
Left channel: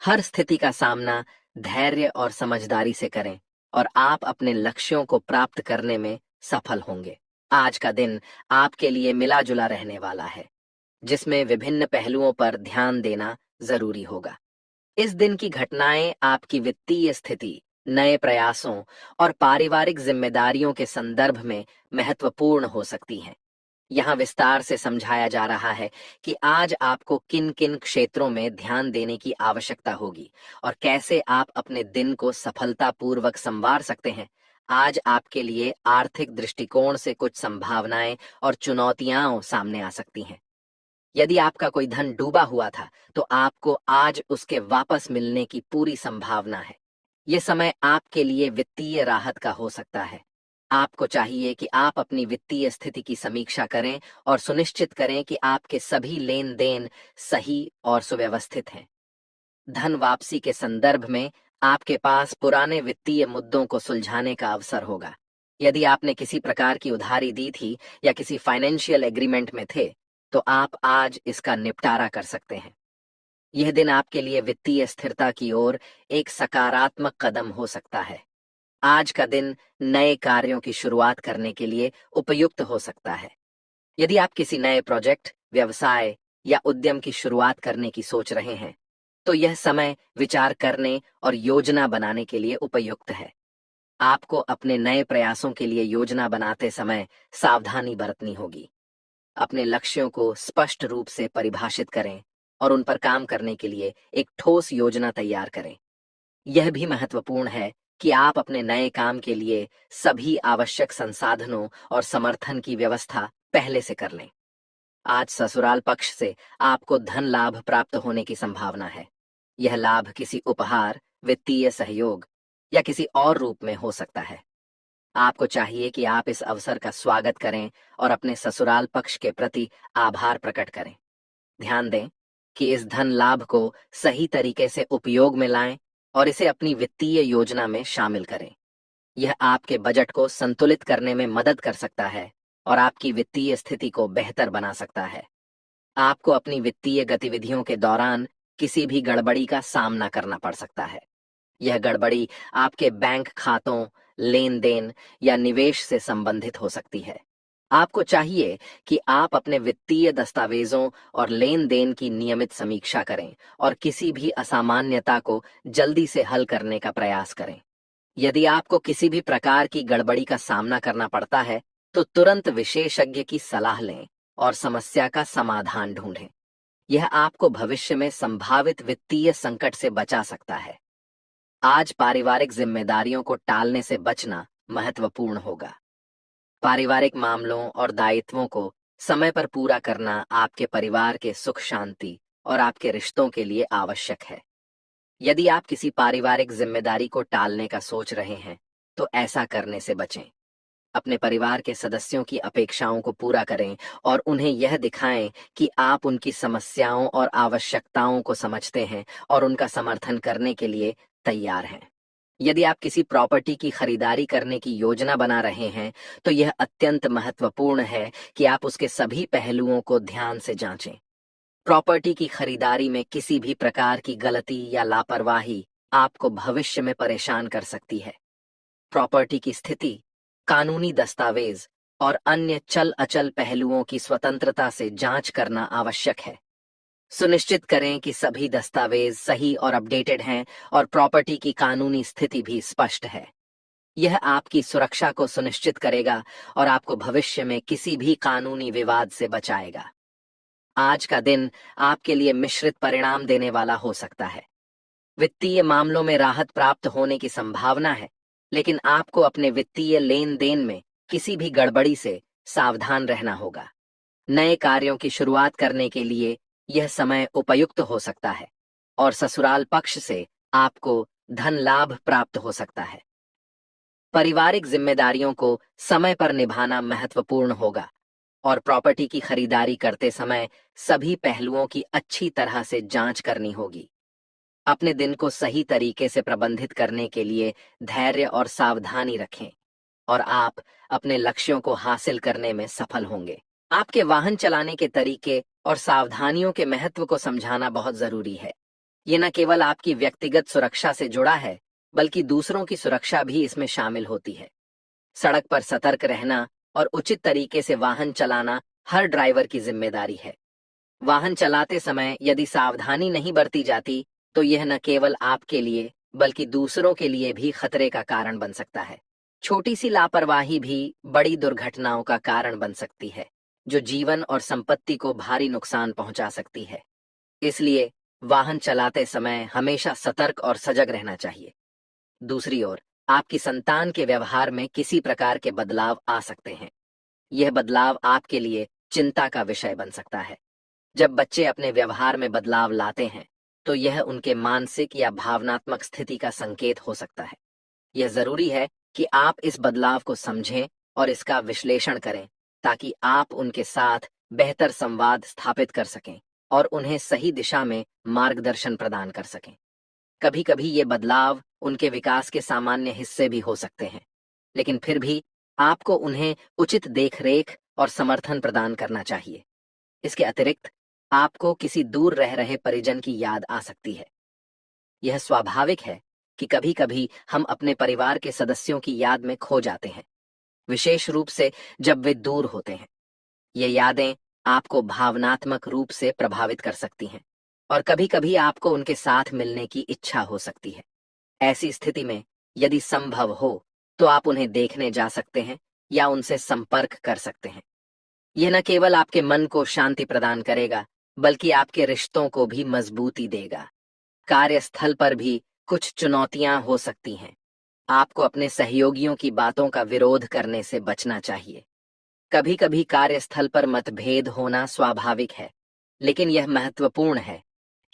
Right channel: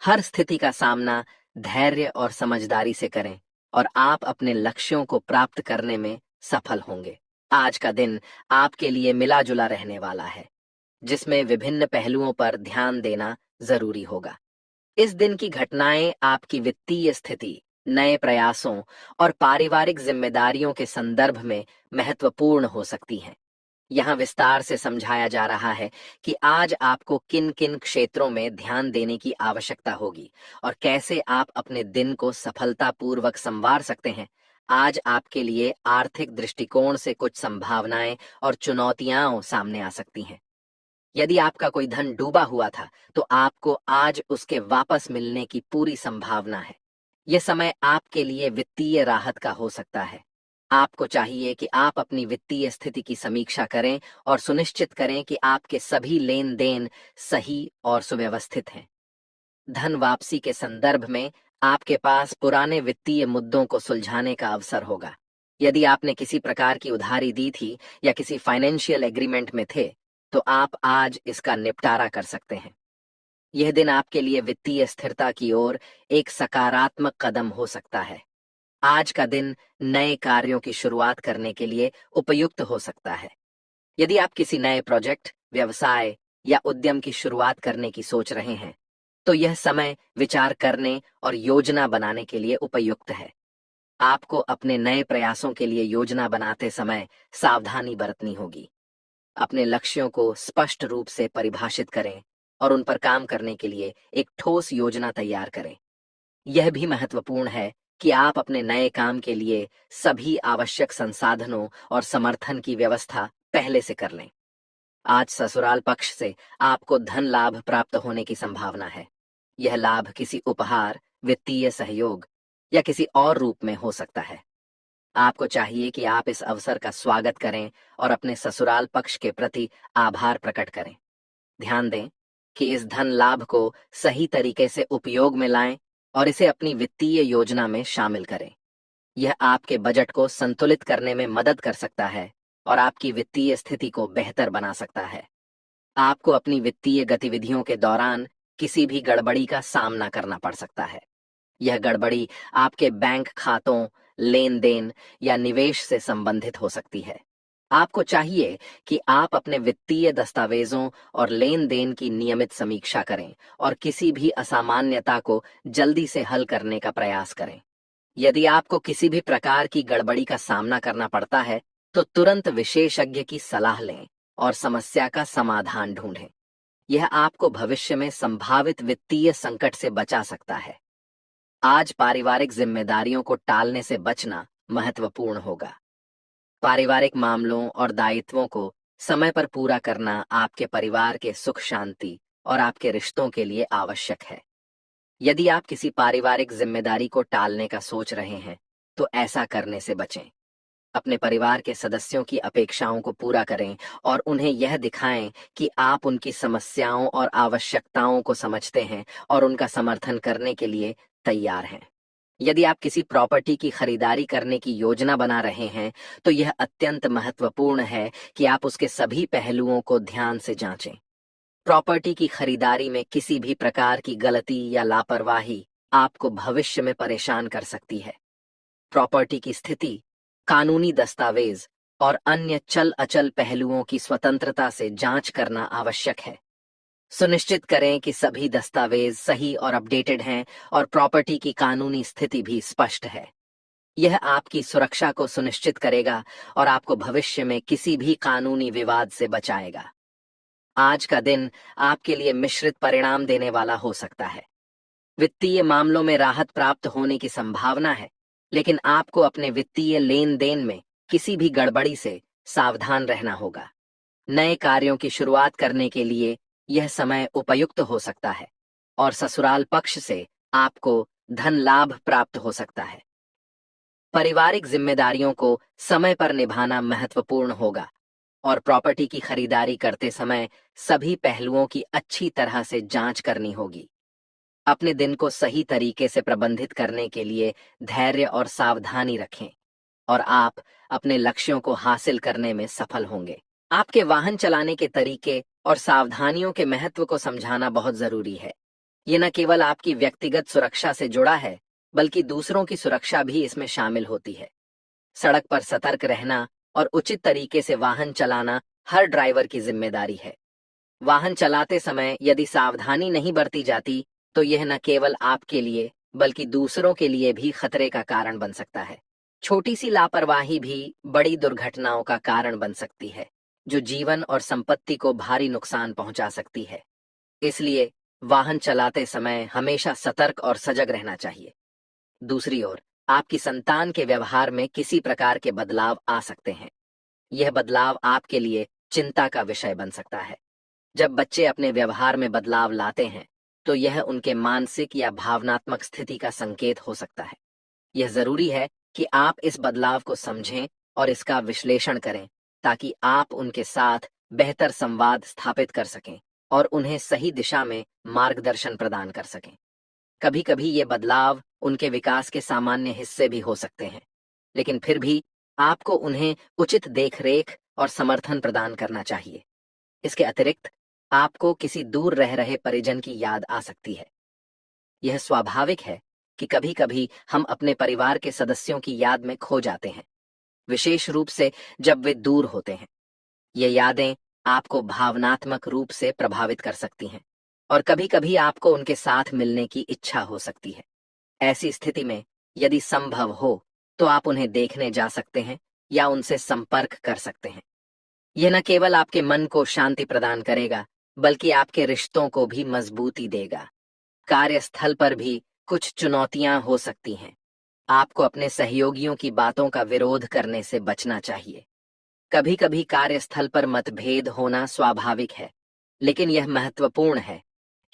हर स्थिति का सामना धैर्य और समझदारी से करें और आप अपने लक्ष्यों को प्राप्त करने में सफल होंगे। आज का दिन आपके लिए मिला जुला रहने वाला है, जिसमें विभिन्न पहलुओं पर ध्यान देना जरूरी होगा। इस दिन की घटनाएं आपकी वित्तीय स्थिति, नए प्रयासों और पारिवारिक जिम्मेदारियों के संदर्भ में महत्वपूर्ण हो सकती हैं। यहाँ विस्तार से समझाया जा रहा है कि आज आपको किन किन क्षेत्रों में ध्यान देने की आवश्यकता होगी और कैसे आप अपने दिन को सफलतापूर्वक संवार सकते हैं। आज आपके लिए आर्थिक दृष्टिकोण से कुछ संभावनाएं और चुनौतियां सामने आ सकती हैं। यदि आपका कोई धन डूबा हुआ था, तो आपको आज उसके वापस मिलने की पूरी संभावना है। यह समय आपके लिए वित्तीय राहत का हो सकता है। आपको चाहिए कि आप अपनी वित्तीय स्थिति की समीक्षा करें और सुनिश्चित करें कि आपके सभी लेन देन सही और सुव्यवस्थित हैं। धन वापसी के संदर्भ में आपके पास पुराने वित्तीय मुद्दों को सुलझाने का अवसर होगा। यदि आपने किसी प्रकार की उधारी दी थी या किसी फाइनेंशियल एग्रीमेंट में थे, तो आप आज इसका निपटारा कर सकते हैं। यह दिन आपके लिए वित्तीय स्थिरता की ओर एक सकारात्मक कदम हो सकता है। आज का दिन नए कार्यों की शुरुआत करने के लिए उपयुक्त हो सकता है। यदि आप किसी नए प्रोजेक्ट, व्यवसाय या उद्यम की शुरुआत करने की सोच रहे हैं, तो यह समय विचार करने और योजना बनाने के लिए उपयुक्त है। आपको अपने नए प्रयासों के लिए योजना बनाते समय सावधानी बरतनी होगी। अपने लक्ष्यों को स्पष्ट रूप से परिभाषित करें और उन पर काम करने के लिए एक ठोस योजना तैयार करें। यह भी महत्वपूर्ण है कि आप अपने नए काम के लिए सभी आवश्यक संसाधनों और समर्थन की व्यवस्था पहले से कर लें। आज ससुराल पक्ष से आपको धन लाभ प्राप्त होने की संभावना है। यह लाभ किसी उपहार, वित्तीय सहयोग या किसी और रूप में हो सकता है। आपको चाहिए कि आप इस अवसर का स्वागत करें और अपने ससुराल पक्ष के प्रति आभार प्रकट करें। ध्यान दें कि इस धन लाभ को सही तरीके से उपयोग में लाएं और इसे अपनी वित्तीय योजना में शामिल करें। यह आपके बजट को संतुलित करने में मदद कर सकता है और आपकी वित्तीय स्थिति को बेहतर बना सकता है। आपको अपनी वित्तीय गतिविधियों के दौरान किसी भी गड़बड़ी का सामना करना पड़ सकता है। यह गड़बड़ी आपके बैंक खातों, लेन-देन या निवेश से संबंधित हो सकती है। आपको चाहिए कि आप अपने वित्तीय दस्तावेजों और लेन-देन की नियमित समीक्षा करें और किसी भी असामान्यता को जल्दी से हल करने का प्रयास करें। यदि आपको किसी भी प्रकार की गड़बड़ी का सामना करना पड़ता है, तो तुरंत विशेषज्ञ की सलाह लें और समस्या का समाधान ढूंढें। यह आपको भविष्य में संभावित वित्तीय संकट से बचा सकता है। आज पारिवारिक जिम्मेदारियों को टालने से बचना महत्वपूर्ण होगा। पारिवारिक मामलों और दायित्वों को समय पर पूरा करना आपके परिवार के सुख शांति और आपके रिश्तों के लिए आवश्यक है। यदि आप किसी पारिवारिक जिम्मेदारी को टालने का सोच रहे हैं, तो ऐसा करने से बचें। अपने परिवार के सदस्यों की अपेक्षाओं को पूरा करें और उन्हें यह दिखाएं कि आप उनकी समस्याओं और आवश्यकताओं को समझते हैं और उनका समर्थन करने के लिए तैयार हैं। यदि आप किसी प्रॉपर्टी की खरीदारी करने की योजना बना रहे हैं, तो यह अत्यंत महत्वपूर्ण है कि आप उसके सभी पहलुओं को ध्यान से जांचें। प्रॉपर्टी की खरीदारी में किसी भी प्रकार की गलती या लापरवाही आपको भविष्य में परेशान कर सकती है। प्रॉपर्टी की स्थिति, कानूनी दस्तावेज और अन्य चल अचल पहलुओं की स्वतंत्रता से जांच करना आवश्यक है। सुनिश्चित करें कि सभी दस्तावेज सही और अपडेटेड हैं और प्रॉपर्टी की कानूनी स्थिति भी स्पष्ट है। यह आपकी सुरक्षा को सुनिश्चित करेगा और आपको भविष्य में किसी भी कानूनी विवाद से बचाएगा। आज का दिन आपके लिए मिश्रित परिणाम देने वाला हो सकता है। वित्तीय मामलों में राहत प्राप्त होने की संभावना है, लेकिन आपको अपने वित्तीय लेन-देन में किसी भी गड़बड़ी से सावधान रहना होगा। नए कार्यों की शुरुआत करने के लिए यह समय उपयुक्त हो सकता है और ससुराल पक्ष से आपको धन लाभ प्राप्त हो सकता है। पारिवारिक जिम्मेदारियों को समय पर निभाना महत्वपूर्ण होगा और प्रॉपर्टी की खरीदारी करते समय सभी पहलुओं की अच्छी तरह से जांच करनी होगी। अपने दिन को सही तरीके से प्रबंधित करने के लिए धैर्य और सावधानी रखें और आप अपने लक्ष्यों को हासिल करने में सफल होंगे। आपके वाहन चलाने के तरीके और सावधानियों के महत्व को समझाना बहुत जरूरी है। ये न केवल आपकी व्यक्तिगत सुरक्षा से जुड़ा है, बल्कि दूसरों की सुरक्षा भी इसमें शामिल होती है। सड़क पर सतर्क रहना और उचित तरीके से वाहन चलाना हर ड्राइवर की जिम्मेदारी है। वाहन चलाते समय यदि सावधानी नहीं बरती जाती, तो यह न केवल आपके लिए बल्कि दूसरों के लिए भी खतरे का कारण बन सकता है। छोटी सी लापरवाही भी बड़ी दुर्घटनाओं का कारण बन सकती है, जो जीवन और संपत्ति को भारी नुकसान पहुंचा सकती है। इसलिए वाहन चलाते समय हमेशा सतर्क और सजग रहना चाहिए। दूसरी ओर, आपकी संतान के व्यवहार में किसी प्रकार के बदलाव आ सकते हैं। यह बदलाव आपके लिए चिंता का विषय बन सकता है। जब बच्चे अपने व्यवहार में बदलाव लाते हैं, तो यह उनके मानसिक या भावनात्मक स्थिति का संकेत हो सकता है। यह जरूरी है कि आप इस बदलाव को समझें और इसका विश्लेषण करें, ताकि आप उनके साथ बेहतर संवाद स्थापित कर सकें और उन्हें सही दिशा में मार्गदर्शन प्रदान कर सकें। कभी कभी ये बदलाव उनके विकास के सामान्य हिस्से भी हो सकते हैं, लेकिन फिर भी आपको उन्हें उचित देखरेख और समर्थन प्रदान करना चाहिए। इसके अतिरिक्त आपको किसी दूर रह रहे परिजन की याद आ सकती है। यह स्वाभाविक है कि कभी कभी हम अपने परिवार के सदस्यों की याद में खो जाते हैं, विशेष रूप से जब वे दूर होते हैं। ये यादें आपको भावनात्मक रूप से प्रभावित कर सकती हैं और कभी कभी आपको उनके साथ मिलने की इच्छा हो सकती है। ऐसी स्थिति में यदि संभव हो तो आप उन्हें देखने जा सकते हैं या उनसे संपर्क कर सकते हैं। यह न केवल आपके मन को शांति प्रदान करेगा, बल्कि आपके रिश्तों को भी मजबूती देगा। कार्यस्थल पर भी कुछ चुनौतियां हो सकती हैं। आपको अपने सहयोगियों की बातों का विरोध करने से बचना चाहिए। कभी कभी कार्यस्थल पर मतभेद होना स्वाभाविक है, लेकिन यह महत्वपूर्ण है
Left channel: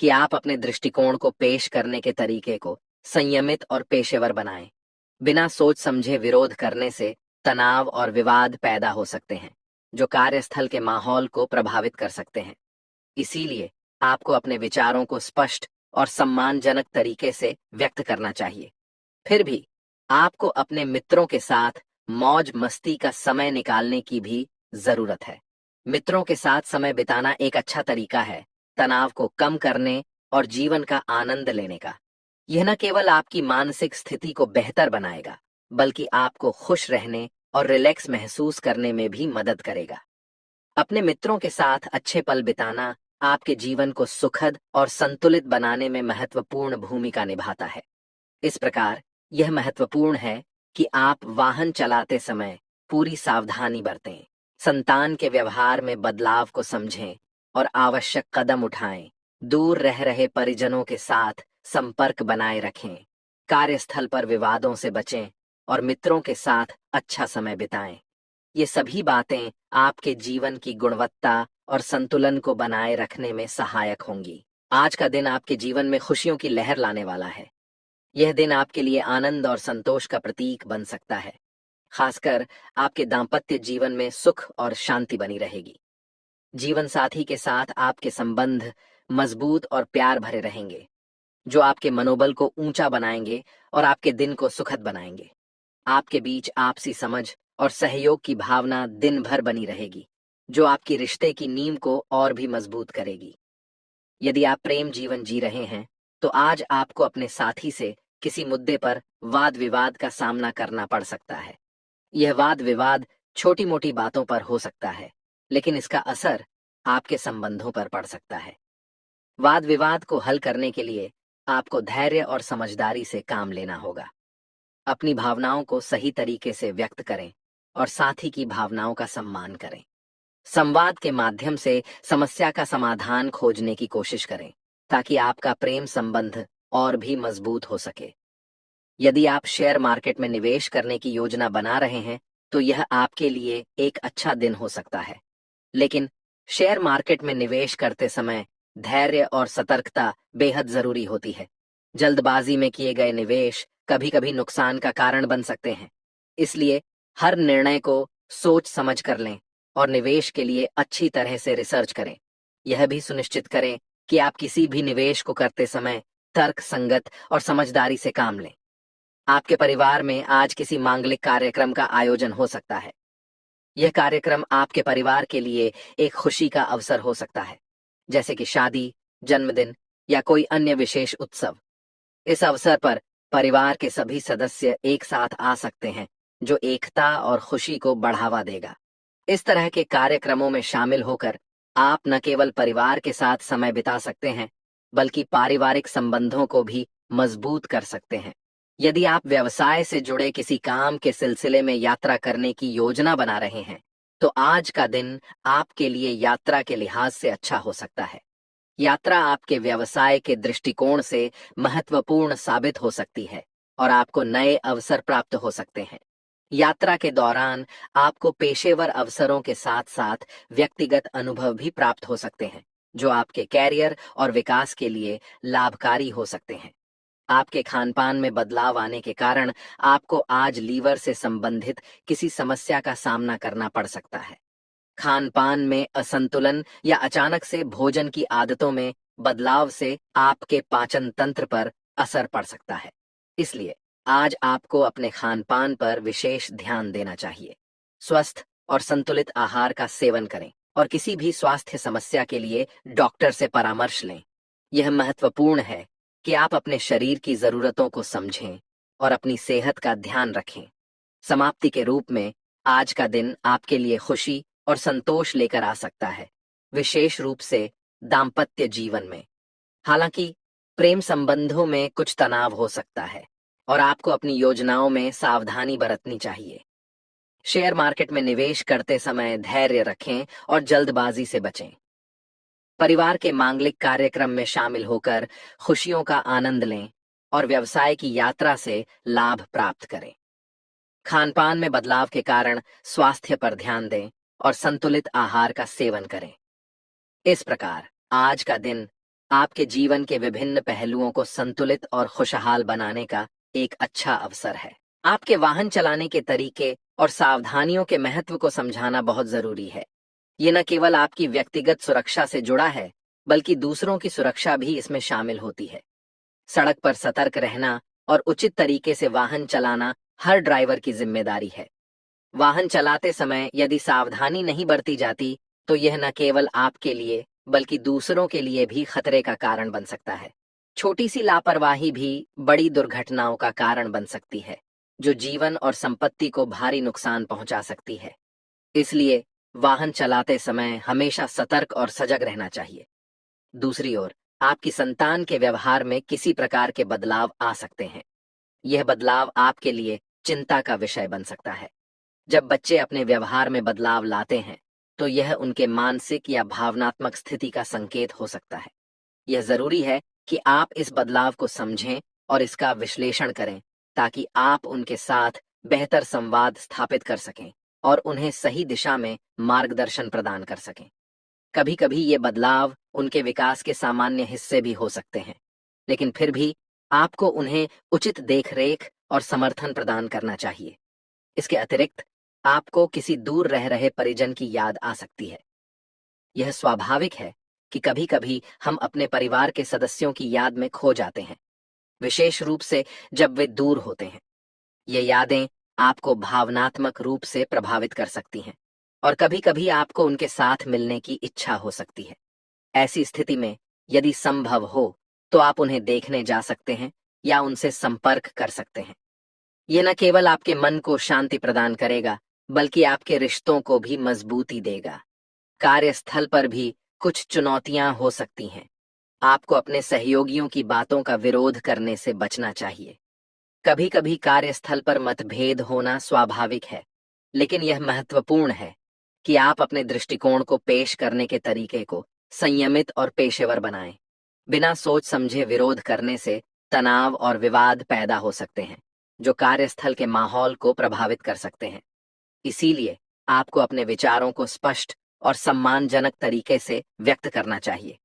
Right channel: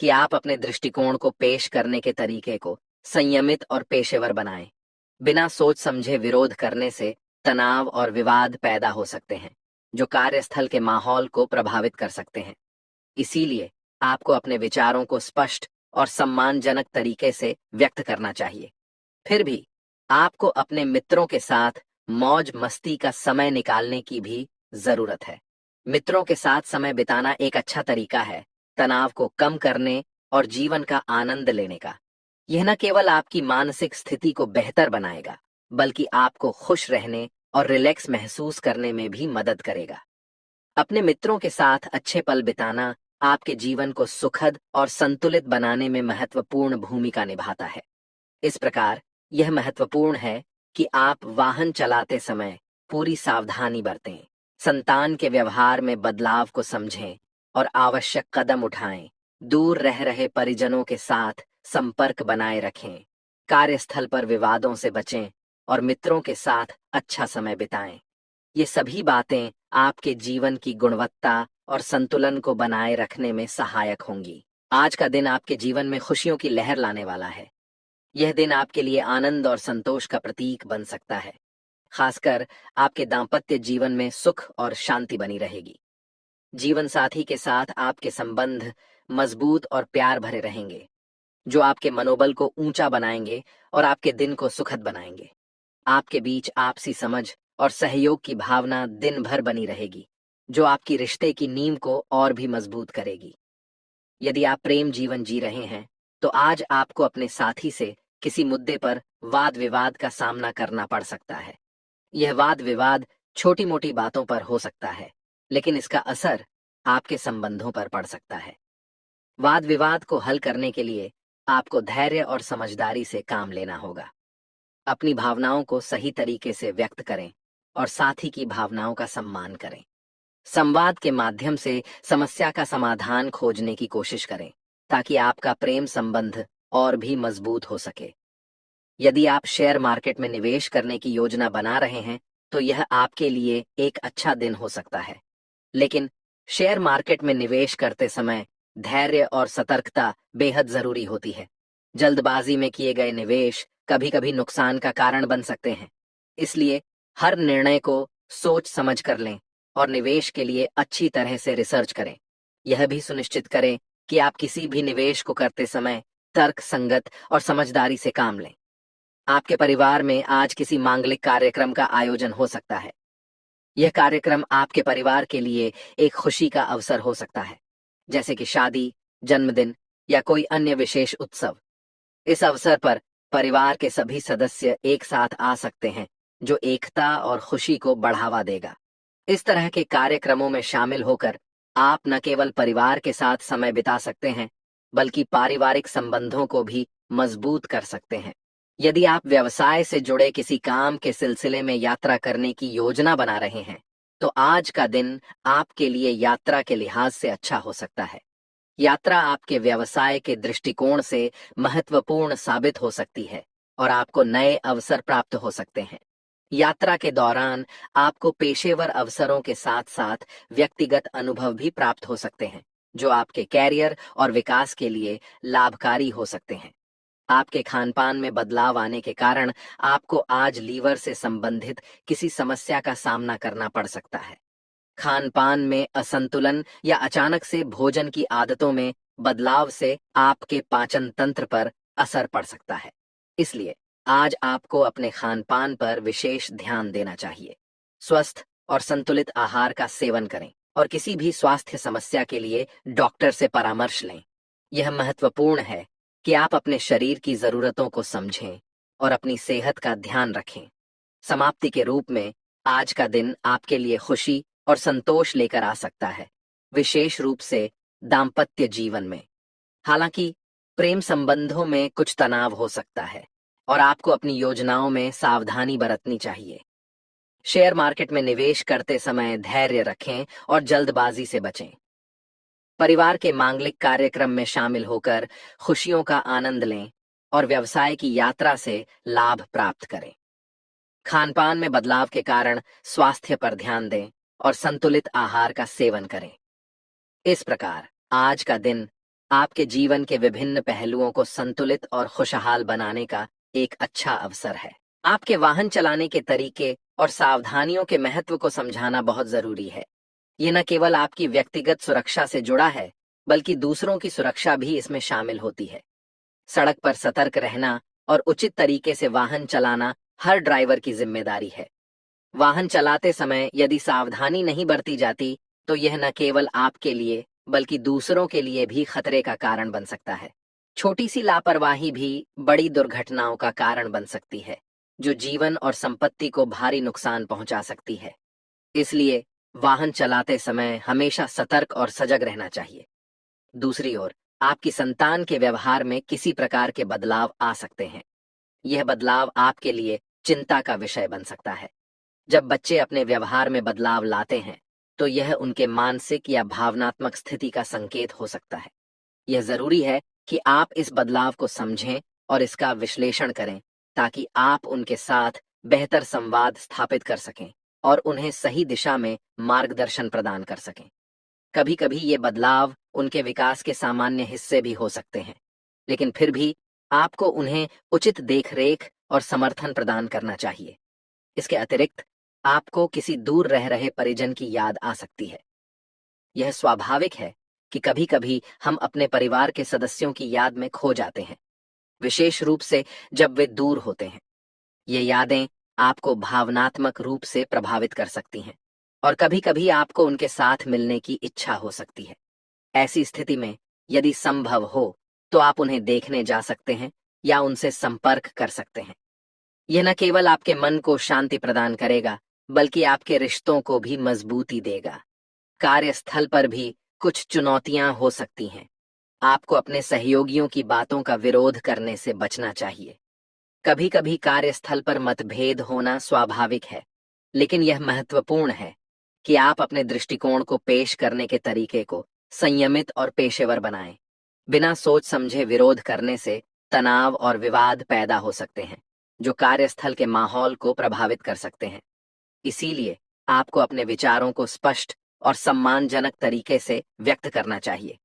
कि आप अपने दृष्टिकोण को पेश करने के तरीके को संयमित और पेशेवर बनाएं। बिना सोच समझे विरोध करने से तनाव और विवाद पैदा हो सकते हैं, जो कार्यस्थल के माहौल को प्रभावित कर सकते हैं। इसीलिए आपको अपने विचारों को स्पष्ट और सम्मानजनक तरीके से व्यक्त करना चाहिए। फिर भी आपको अपने मित्रों के साथ मौज मस्ती का समय निकालने की भी जरूरत है। मित्रों के साथ समय बिताना एक अच्छा तरीका है तनाव को कम करने और जीवन का आनंद लेने का। यह न केवल आपकी मानसिक स्थिति को बेहतर बनाएगा, बल्कि आपको खुश रहने और रिलैक्स महसूस करने में भी मदद करेगा। अपने मित्रों के साथ अच्छे पल बिताना आपके जीवन को सुखद और संतुलित बनाने में महत्वपूर्ण भूमिका निभाता है। इस प्रकार यह महत्वपूर्ण है कि आप वाहन चलाते समय पूरी सावधानी बरतें, संतान के व्यवहार में बदलाव को समझें और आवश्यक कदम उठाएं। दूर रह रहे परिजनों के साथ संपर्क बनाए रखें, कार्यस्थल पर विवादों से बचें और मित्रों के साथ अच्छा समय बिताएं। ये सभी बातें आपके जीवन की गुणवत्ता और संतुलन को बनाए रखने में सहायक होंगी। आज का दिन आपके जीवन में खुशियों की लहर लाने वाला है। यह दिन आपके लिए आनंद और संतोष का प्रतीक बन सकता है। खासकर आपके दांपत्य जीवन में सुख और शांति बनी रहेगी। जीवन साथी के साथ आपके संबंध मजबूत और प्यार भरे रहेंगे, जो आपके मनोबल को ऊंचा बनाएंगे और आपके दिन को सुखद बनाएंगे। आपके बीच आपसी समझ और सहयोग की भावना दिन भर बनी रहेगी, जो आपकी रिश्ते की नींव को और भी मजबूत करेगी। यदि आप प्रेम जीवन जी रहे हैं, तो आज आपको अपने साथी से किसी मुद्दे पर वाद विवाद का सामना करना पड़ सकता है। यह वाद विवाद छोटी मोटी बातों पर हो सकता है, लेकिन इसका असर आपके संबंधों पर पड़ सकता है। वाद विवाद को हल करने के लिए आपको धैर्य और समझदारी से काम लेना होगा। अपनी भावनाओं को सही तरीके से व्यक्त करें और साथी की भावनाओं का सम्मान करें। संवाद के माध्यम से समस्या का समाधान खोजने की कोशिश करें, ताकि आपका प्रेम संबंध और भी मजबूत हो सके। यदि आप शेयर मार्केट में निवेश करने की योजना बना रहे हैं, तो यह आपके लिए एक अच्छा दिन हो सकता है। लेकिन शेयर मार्केट में निवेश करते समय धैर्य और सतर्कता बेहद जरूरी होती है। जल्दबाजी में किए गए निवेश कभी कभी नुकसान का कारण बन सकते हैं। इसलिए हर निर्णय को सोच समझ कर लें और निवेश के लिए अच्छी तरह से रिसर्च करें। यह भी सुनिश्चित करें कि आप किसी भी निवेश को करते समय तर्क संगत और समझदारी से काम लें। आपके परिवार में आज किसी मांगलिक कार्यक्रम का आयोजन हो सकता है। यह कार्यक्रम आपके परिवार के लिए एक खुशी का अवसर हो सकता है, जैसे कि शादी, जन्मदिन या कोई अन्य विशेष उत्सव। इस अवसर पर परिवार के सभी सदस्य एक साथ आ सकते हैं, जो एकता और खुशी को बढ़ावा देगा। इस तरह के कार्यक्रमों में शामिल होकर आप न केवल परिवार के साथ समय बिता सकते हैं, बल्कि पारिवारिक संबंधों को भी मजबूत कर सकते हैं। यदि आप व्यवसाय से जुड़े किसी काम के सिलसिले में यात्रा करने की योजना बना रहे हैं, तो आज का दिन आपके लिए यात्रा के लिहाज से अच्छा हो सकता है। यात्रा आपके व्यवसाय के दृष्टिकोण से महत्वपूर्ण साबित हो सकती है, और आपको नए अवसर प्राप्त हो सकते हैं। यात्रा के दौरान आपको पेशेवर अवसरों के साथ साथ व्यक्तिगत अनुभव भी प्राप्त हो सकते हैं, जो आपके कैरियर और विकास के लिए लाभकारी हो सकते हैं। आपके खान-पान में बदलाव आने के कारण आपको आज लीवर से संबंधित किसी समस्या का सामना करना पड़ सकता है। खान-पान में असंतुलन या अचानक से भोजन की आदतों में बदलाव से आपके पाचन तंत्र पर असर पड़ सकता है। इसलिए आज आपको अपने खान-पान पर विशेष ध्यान देना चाहिए। स्वस्थ और संतुलित आहार का सेवन करें और किसी भी स्वास्थ्य समस्या के लिए डॉक्टर से परामर्श लें। यह महत्वपूर्ण है कि आप अपने शरीर की जरूरतों को समझें और अपनी सेहत का ध्यान रखें। समाप्ति के रूप में आज का दिन आपके लिए खुशी और संतोष लेकर आ सकता है, विशेष रूप से दाम्पत्य जीवन में। हालांकि प्रेम संबंधों में कुछ तनाव हो सकता है और आपको अपनी योजनाओं में सावधानी बरतनी चाहिए। शेयर मार्केट में निवेश करते समय धैर्य रखें और जल्दबाजी से बचें। परिवार के मांगलिक कार्यक्रम में शामिल होकर खुशियों का आनंद लें और व्यवसाय की यात्रा से लाभ प्राप्त करें। खान-पान में बदलाव के कारण स्वास्थ्य पर ध्यान दें और संतुलित आहार का सेवन करें। इस प्रकार आज का दिन आपके जीवन के विभिन्न पहलुओं को संतुलित और खुशहाल बनाने का एक अच्छा अवसर है। आपके वाहन चलाने के तरीके और सावधानियों के महत्व को समझाना बहुत जरूरी है। ये न केवल आपकी व्यक्तिगत सुरक्षा से जुड़ा है, बल्कि दूसरों की सुरक्षा भी इसमें शामिल होती है। सड़क पर सतर्क रहना और उचित तरीके से वाहन चलाना हर ड्राइवर की जिम्मेदारी है। वाहन चलाते समय यदि सावधानी नहीं बरती जाती, तो यह न केवल आपके लिए, बल्कि दूसरों के लिए भी खतरे का कारण बन सकता है। छोटी सी लापरवाही भी बड़ी दुर्घटनाओं का कारण बन सकती है, जो जीवन और संपत्ति को भारी नुकसान पहुंचा सकती है। इसलिए वाहन चलाते समय हमेशा सतर्क और सजग रहना चाहिए। दूसरी ओर, आपकी संतान के व्यवहार में किसी प्रकार के बदलाव आ सकते हैं। यह बदलाव आपके लिए चिंता का विषय बन सकता है। जब बच्चे अपने व्यवहार में बदलाव लाते हैं, तो यह उनके मानसिक या भावनात्मक स्थिति का संकेत हो सकता है। यह जरूरी है कि आप इस बदलाव को समझें और इसका विश्लेषण करें, ताकि आप उनके साथ बेहतर संवाद स्थापित कर सकें और उन्हें सही दिशा में मार्गदर्शन प्रदान कर सकें। कभी-कभी ये बदलाव उनके विकास के सामान्य हिस्से भी हो सकते हैं, लेकिन फिर भी आपको उन्हें उचित देखरेख और समर्थन प्रदान करना चाहिए। इसके अतिरिक्त आपको किसी दूर रह रहे परिजन की याद आ सकती है। यह स्वाभाविक है कि कभी-कभी हम अपने परिवार के सदस्यों की याद में खो जाते हैं, विशेष रूप से जब वे दूर होते हैं। ये यादें आपको भावनात्मक रूप से प्रभावित कर सकती हैं और कभी-कभी आपको उनके साथ मिलने की इच्छा हो सकती है। ऐसी स्थिति में यदि संभव हो, तो आप उन्हें देखने जा सकते हैं या उनसे संपर्क कर सकते हैं। यह न केवल आपके मन को शांति प्रदान करेगा, बल्कि आपके रिश्तों को भी मजबूती देगा। कार्यस्थल पर भी कुछ चुनौतियां हो सकती हैं। आपको अपने सहयोगियों की बातों का विरोध करने से बचना चाहिए। कभी-कभी कार्यस्थल पर मतभेद होना स्वाभाविक है, लेकिन यह महत्वपूर्ण है कि आप अपने दृष्टिकोण को पेश करने के तरीके को संयमित और पेशेवर बनाएं। बिना सोच समझे विरोध करने से तनाव और विवाद पैदा हो सकते हैं, जो कार्यस्थल के माहौल को प्रभावित कर सकते हैं। इसीलिए आपको अपने विचारों को स्पष्ट और सम्मानजनक तरीके से व्यक्त करना चाहिए।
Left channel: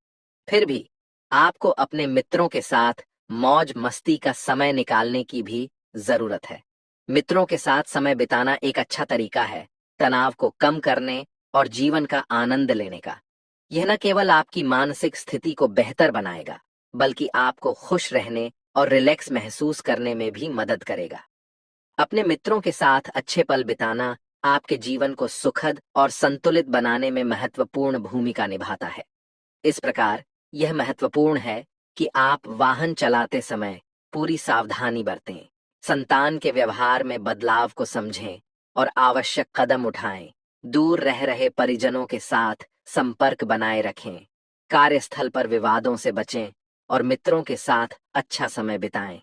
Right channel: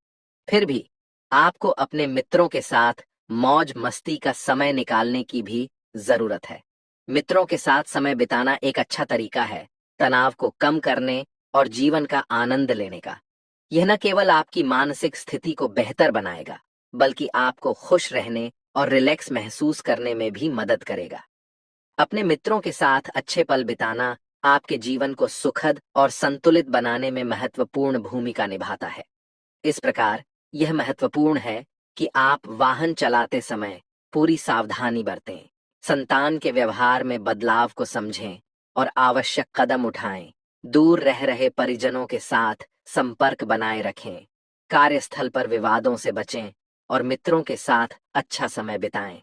फिर भी आपको अपने मित्रों के साथ मौज मस्ती का समय निकालने की भी जरूरत है। मित्रों के साथ समय बिताना एक अच्छा तरीका है तनाव को कम करने और जीवन का आनंद लेने का। यह न केवल आपकी मानसिक स्थिति को बेहतर बनाएगा, बल्कि आपको खुश रहने और रिलैक्स महसूस करने में भी मदद करेगा। अपने मित्रों के साथ अच्छे पल बिताना आपके जीवन को सुखद और संतुलित बनाने में महत्वपूर्ण भूमिका निभाता है। इस प्रकार यह महत्वपूर्ण है कि आप वाहन चलाते समय पूरी सावधानी बरतें, संतान के व्यवहार में बदलाव को समझें और आवश्यक कदम उठाएं। दूर रह रहे परिजनों के साथ संपर्क बनाए रखें, कार्यस्थल पर विवादों से बचें और मित्रों के साथ अच्छा समय बिताएं।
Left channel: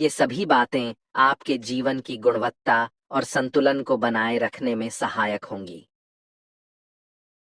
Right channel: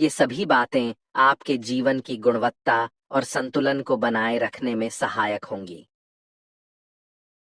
ये सभी बातें आपके जीवन की गुणवत्ता और संतुलन को बनाए रखने में सहायक होंगी।